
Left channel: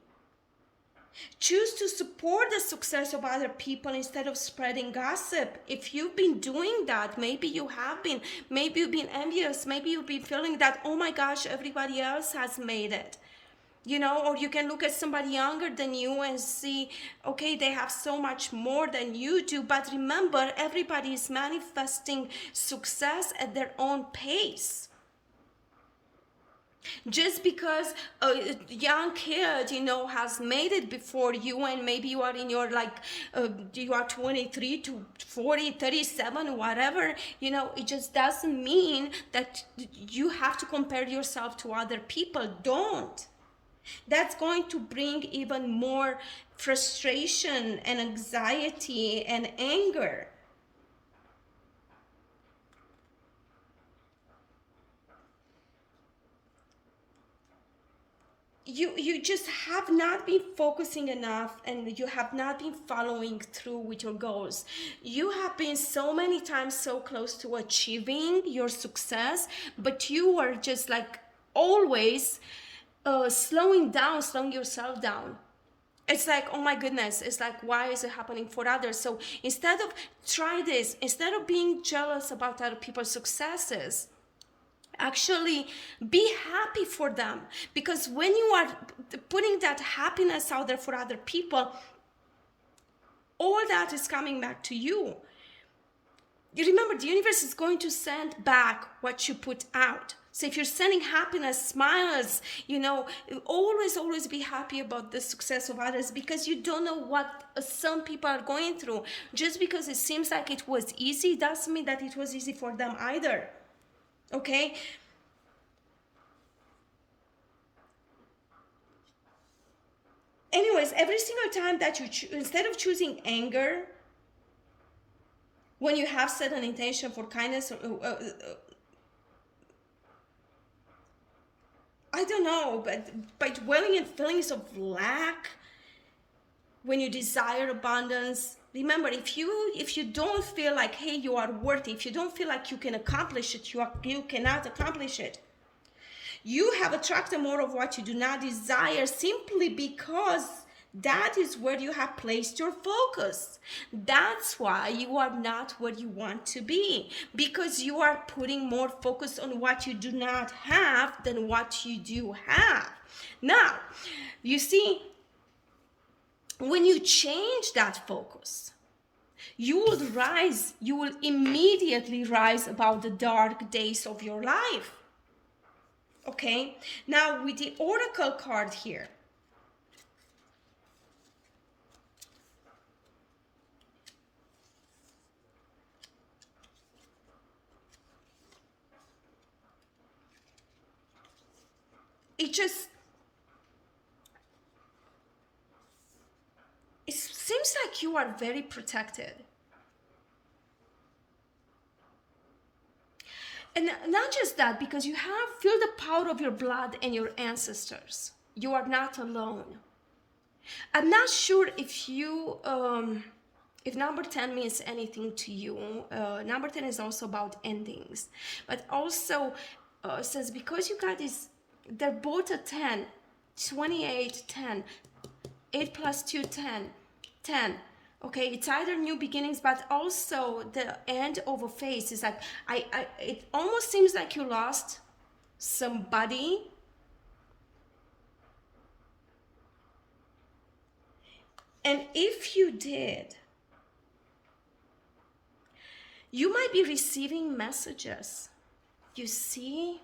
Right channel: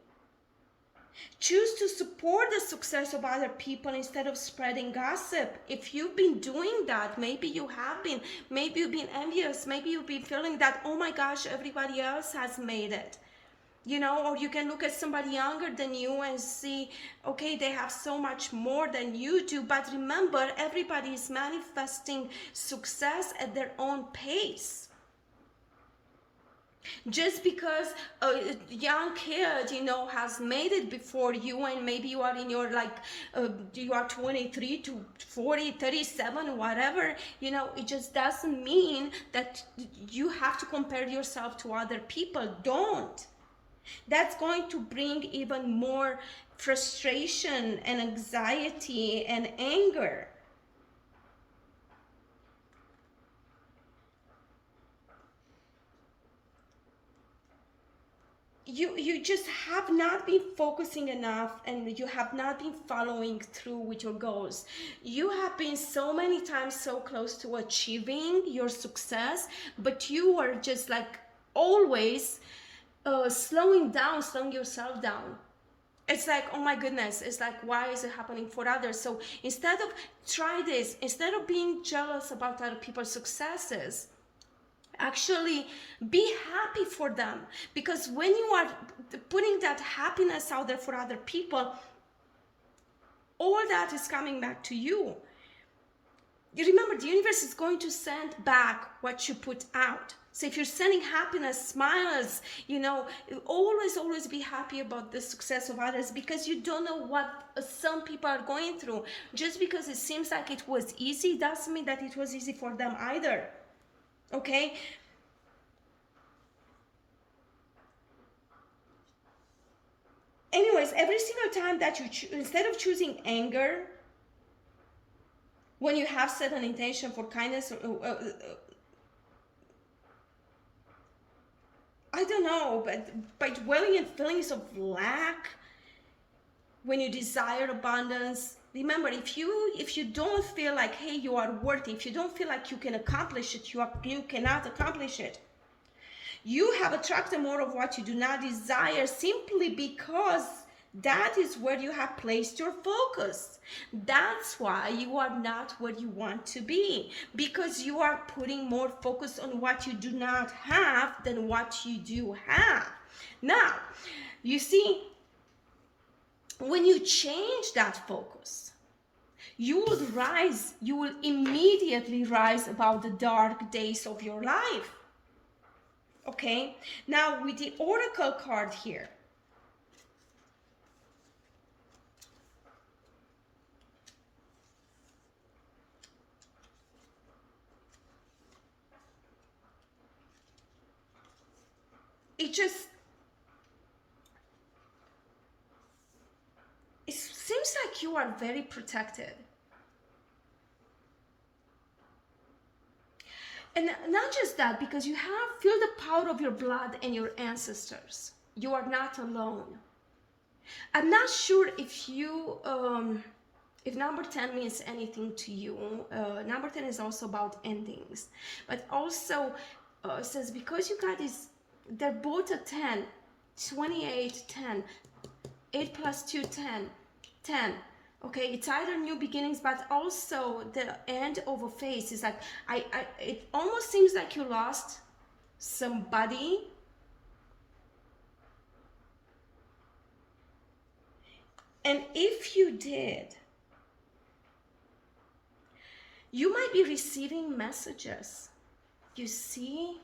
Choose to support the success of other people instead of spreading gossip. If you've been doing that, maybe you have been, maybe you've been envious, maybe you've been feeling that, oh my gosh, everybody else has made it. You know, or you can look at somebody younger than you and see, okay, they have so much more than you do. But remember, everybody is manifesting success at their own pace. Just because a young kid, you know, has made it before you, and maybe you are in your like you are 23 to 40, 37, whatever, you know, it just doesn't mean that you have to compare yourself to other people. Don't. That's going to bring even more frustration and anxiety and anger. You just have not been focusing enough, and you have not been following through with your goals. You have been so many times so close to achieving your success, but you are just like always slowing yourself down. It's like, oh my goodness, it's like, why is it happening for others? So instead of try this, instead of being jealous about other people's successes, actually be happy for them, because when you are putting that happiness out there for other people, all that is coming back to you. You remember, the universe is going to send back what you put out. So if you're sending happiness, smiles, you know, always be happy about the success of others, because you don't know what some people are going through. Just because it seems like it was easy doesn't mean that it was easy for them either. Okay? Anyways, every single time that you instead of choosing anger, when you have set an intention for kindness, I don't know, but by dwelling in feelings of lack, when you desire abundance, remember, if you don't feel like, hey, you are worthy, if you don't feel like you can accomplish it, you cannot accomplish it. You have attracted more of what you do not desire, simply because that is where you have placed your focus. That's why you are not where you want to be, because you are putting more focus on what you do not have than what you do have. Now, you see, when you change that focus, you will immediately rise above the dark days of your life. Okay, now with the oracle card here, it seems like you are very protected. And not just that, because you feel the power of your blood and your ancestors. You are not alone. I'm not sure if you if number 10 means anything to you. Number 10 is also about endings, but also says, because you got this, they're both a 10, 28, 10, 8 plus 2, 10, 10. Okay, it's either new beginnings, but also the end of a phase. Is like it almost seems like you lost somebody, and if you did, you might be receiving messages. You see,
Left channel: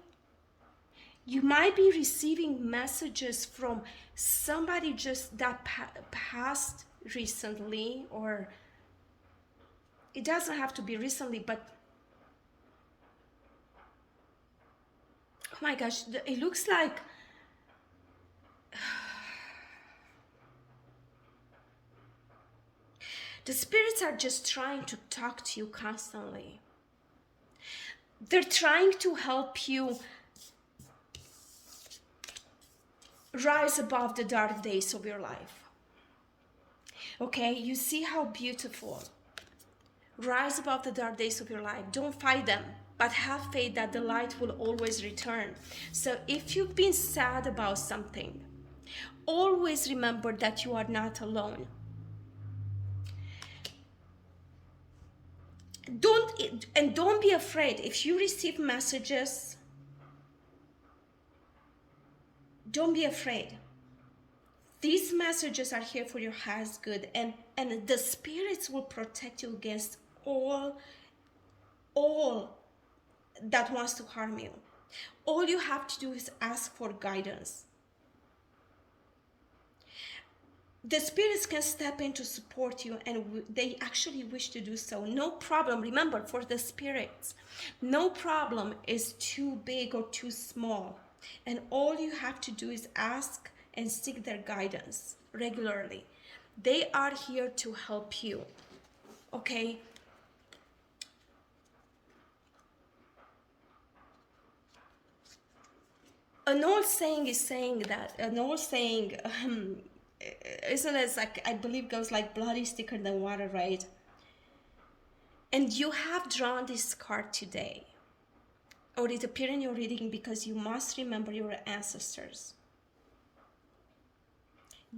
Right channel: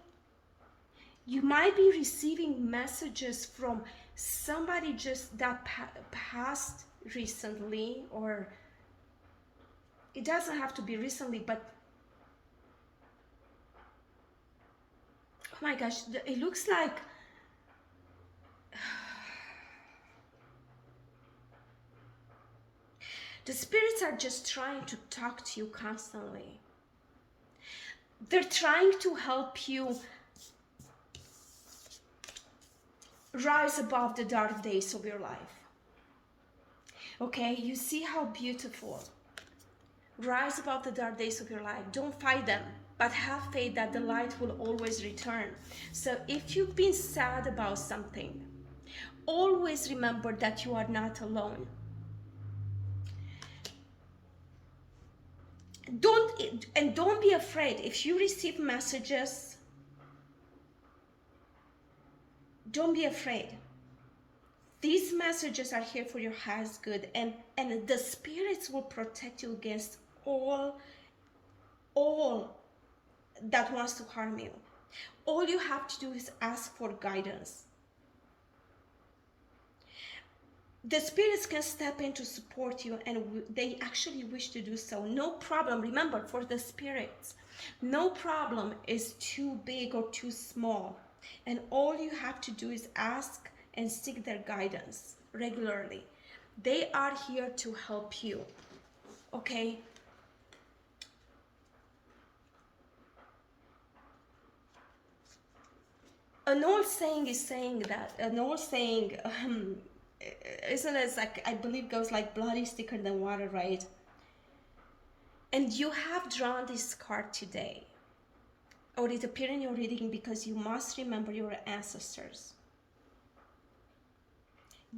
you might be receiving messages from somebody just that passed recently, or it doesn't have to be recently, but oh my gosh, it looks like the spirits are just trying to talk to you constantly. They're trying to help you rise above the dark days of your life. Okay, you see how beautiful. Rise above the dark days of your life. Don't fight them, but have faith that the light will always return. So if you've been sad about something, always remember that you are not alone. Don't be afraid. If you receive messages, don't be afraid. These messages are here for your highest good, and the spirits will protect you against all that wants to harm you. All you have to do is ask for guidance. The spirits can step in to support you, and they actually wish to do so. No problem. Remember, for the spirits, no problem is too big or too small, and all you have to do is ask and seek their guidance regularly. They are here to help you. Okay, an old saying is saying that an old saying isn't it, like, I believe, goes like blood is thicker than water, right? And you have drawn this card today, or it appeared in your reading, because you must remember your ancestors.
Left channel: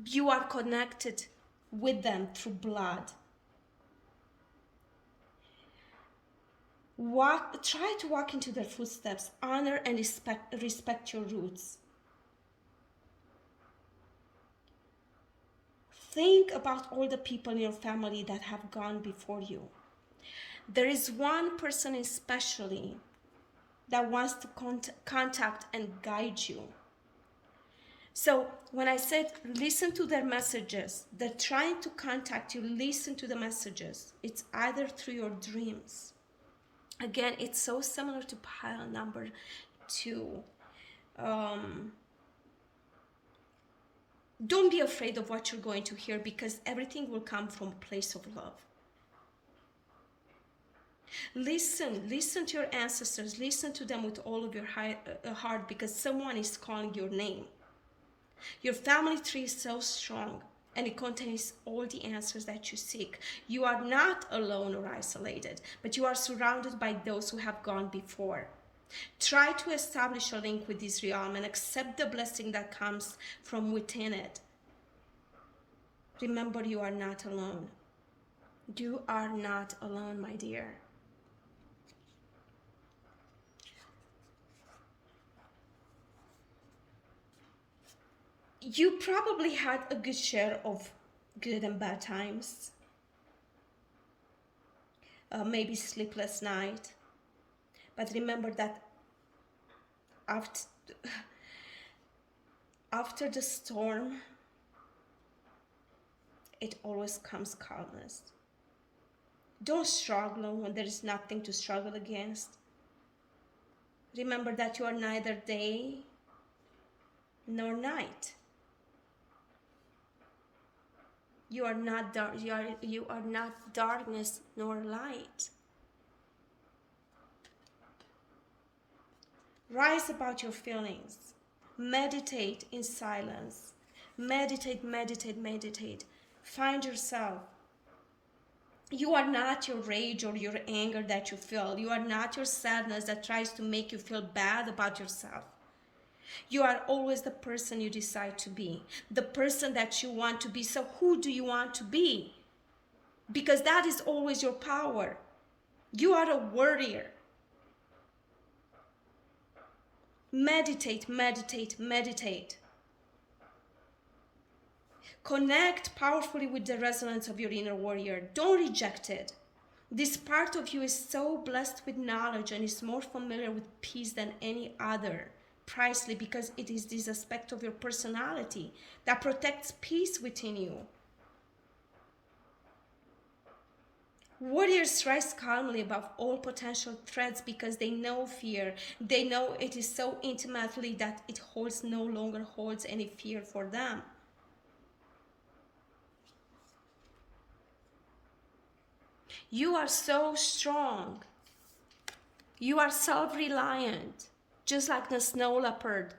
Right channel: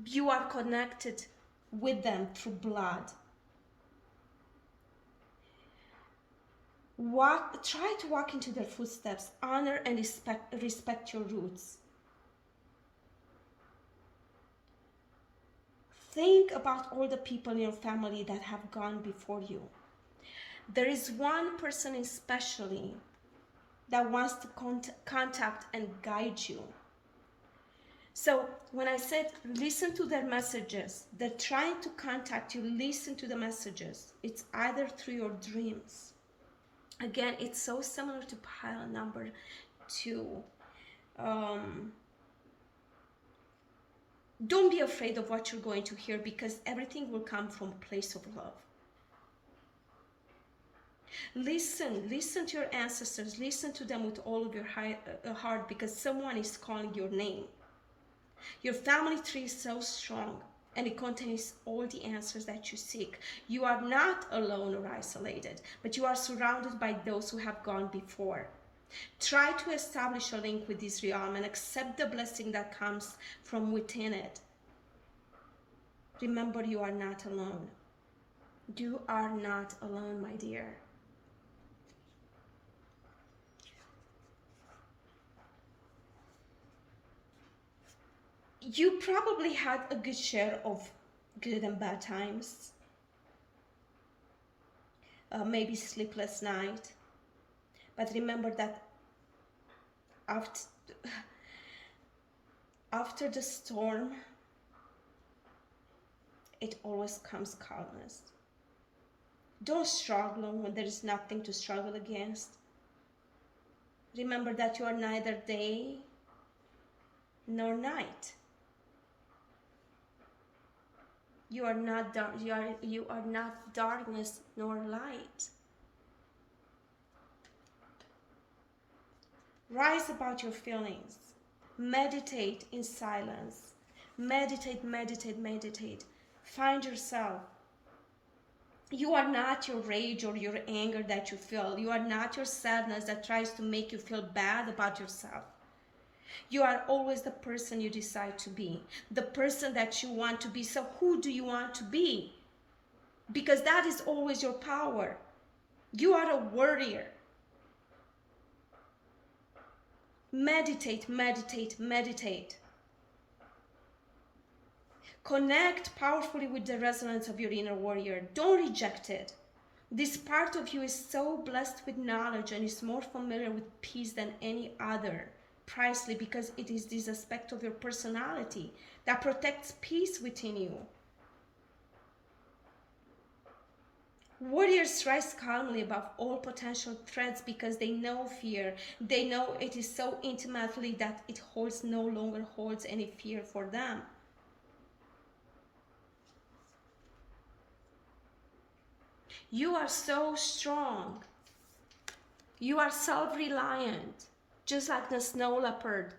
You are connected with them through blood. Try to walk into their footsteps. Honor and respect your roots. Think about all the people in your family that have gone before you. There is one person especially that wants to contact and guide you. So when I said listen to their messages, they're trying to contact you. Listen to the messages. It's either through your dreams. Again, it's so similar to pile number 2. Don't be afraid of what you're going to hear, because everything will come from a place of love. Listen to your ancestors. Listen to them with all of your heart, because someone is calling your name. Your family tree is so strong, and it contains all the answers that you seek. You are not alone or isolated, but you are surrounded by those who have gone before. Try to establish a link with this realm and accept the blessing that comes from within it. Remember, you are not alone. You are not alone, my dear. You probably had a good share of good and bad times. Maybe sleepless night. But remember that after the storm, it always comes calmness. Don't struggle when there is nothing to struggle against. Remember that you are neither day nor night. You are not you are not darkness nor light. Rise about your feelings. Meditate in silence. Meditate, meditate, meditate. Find yourself. You are not your rage or your anger that you feel. You are not your sadness that tries to make you feel bad about yourself. You are always the person you decide to be, the person that you want to be. So who do you want to be? because that is always your power. You are a warrior. Meditate, meditate, meditate. Connect powerfully with the resonance of your inner warrior. Don't reject it. This part of you is so blessed with knowledge and is more familiar with peace than any other, precisely because it is this aspect of your personality that protects peace within you. Warriors rise calmly above all potential threats because they know fear. They know it is so intimately that it no longer holds any fear for them. You are so strong. You are self-reliant, just like the snow leopard.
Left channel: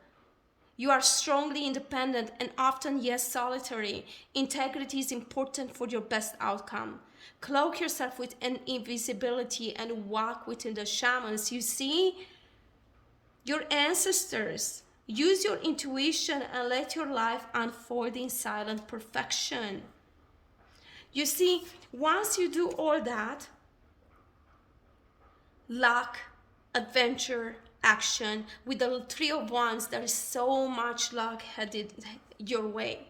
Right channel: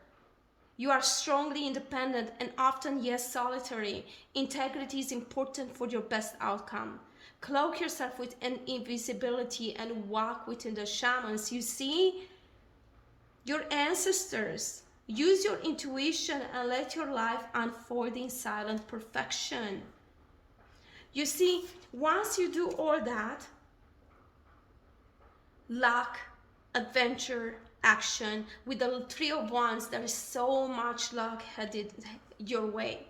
You are strongly independent and often, yes, solitary. Integrity is important for your best outcome. Cloak yourself with an invisibility and walk within the shamans. You see, your ancestors. Use your intuition and let your life unfold in silent perfection. You see, once you do all that, luck, adventure, action, with the Three of Wands, there is so much luck headed your way.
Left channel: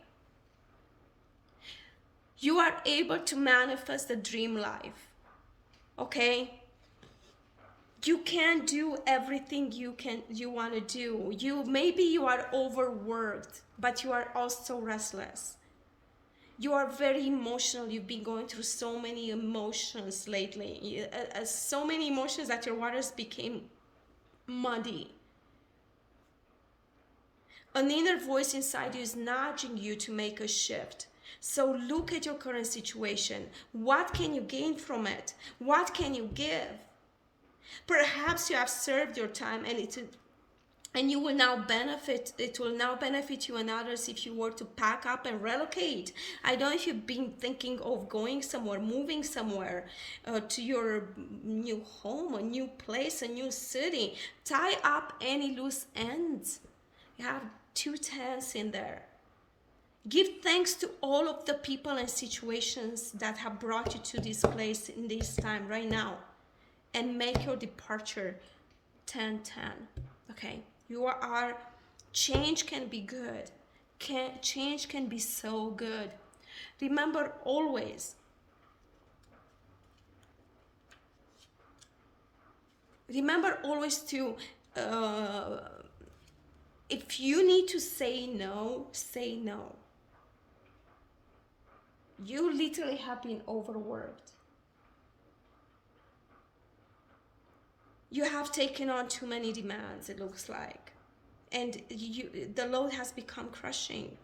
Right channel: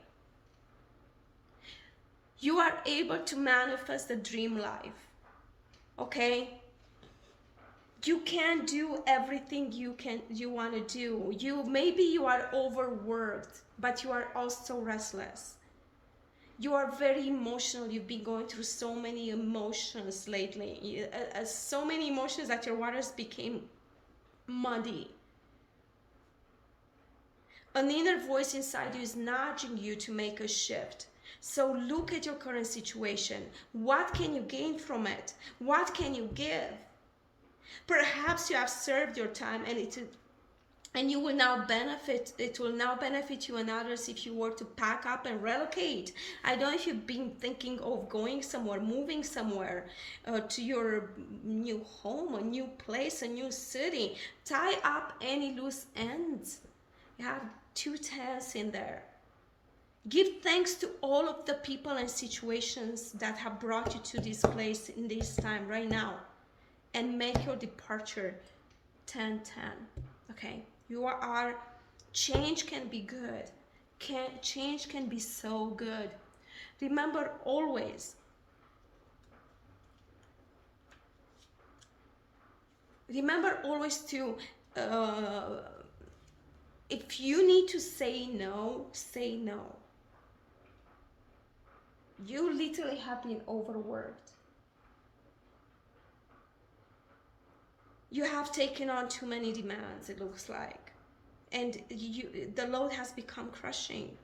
You are able to manifest a dream life, okay? You can do everything you want to do. Maybe you are overworked, but you are also restless. You are very emotional. You've been going through so many emotions lately. So many emotions that your waters became muddy. An inner voice inside you is nudging you to make a shift. So look at your current situation. What can you gain from it? What can you give? Perhaps you have served your time and you will now benefit. It will now benefit you and others if you were to pack up and relocate. I don't know if you've been thinking of going somewhere, moving somewhere to your new home, a new place, a new city. Tie up any loose ends. You have 2 10s in there. Give thanks to all of the people and situations that have brought you to this place in this time right now, and make your departure 10-10. Okay, change can be good. Change can be so good. Remember always, to if you need to say no, say no. You literally have been overworked. You have taken on too many demands, it looks like. And the load has become crushing.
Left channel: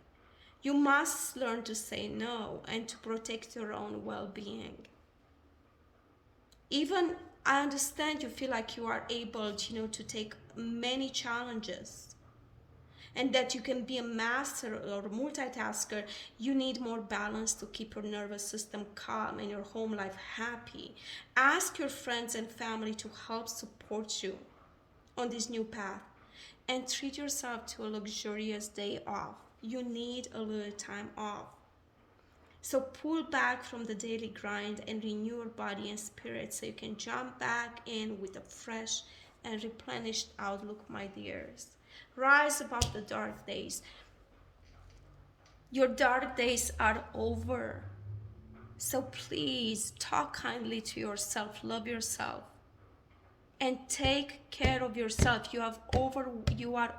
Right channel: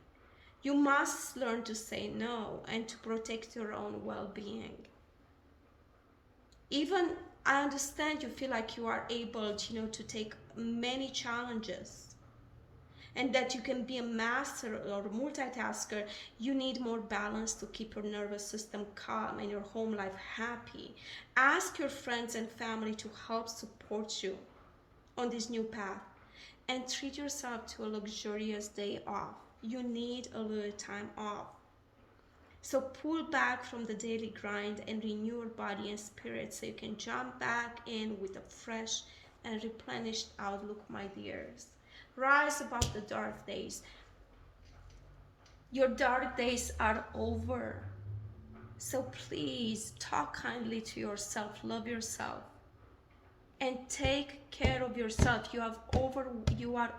You must learn to say no and to protect your own well-being. Even I understand you feel like you are able to take many challenges, and that you can be a master or a multitasker. You need more balance to keep your nervous system calm and your home life happy. Ask your friends and family to help support you on this new path, and treat yourself to a luxurious day off. You need a little time off. So pull back from the daily grind and renew your body and spirit so you can jump back in with a fresh and replenished outlook, my dears. Rise above the dark days. Your dark days are over. So please talk kindly to yourself, love yourself, and take care of yourself. You are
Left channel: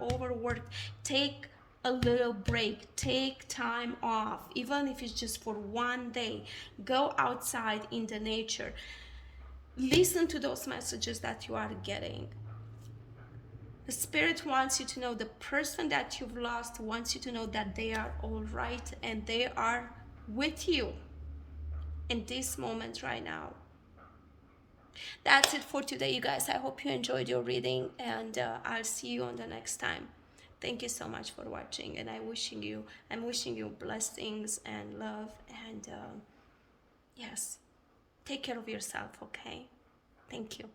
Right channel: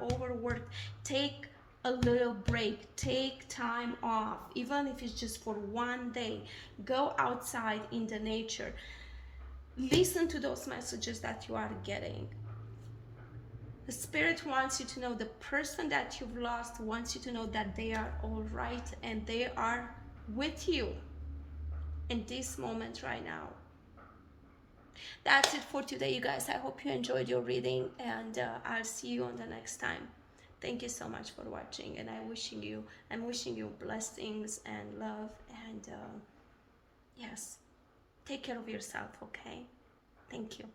overworked. Take a little break. Take time off, even if it's just for one day. Go outside in the nature. Listen to those messages that you are getting. The Spirit wants you to know, the person that you've lost wants you to know that they are all right and they are with you in this moment right now. That's it for today, you guys. I hope you enjoyed your reading, and I'll see you on the next time. Thank you so much for watching, and I'm wishing you blessings and love, and yes, take care of yourself, okay? Thank you.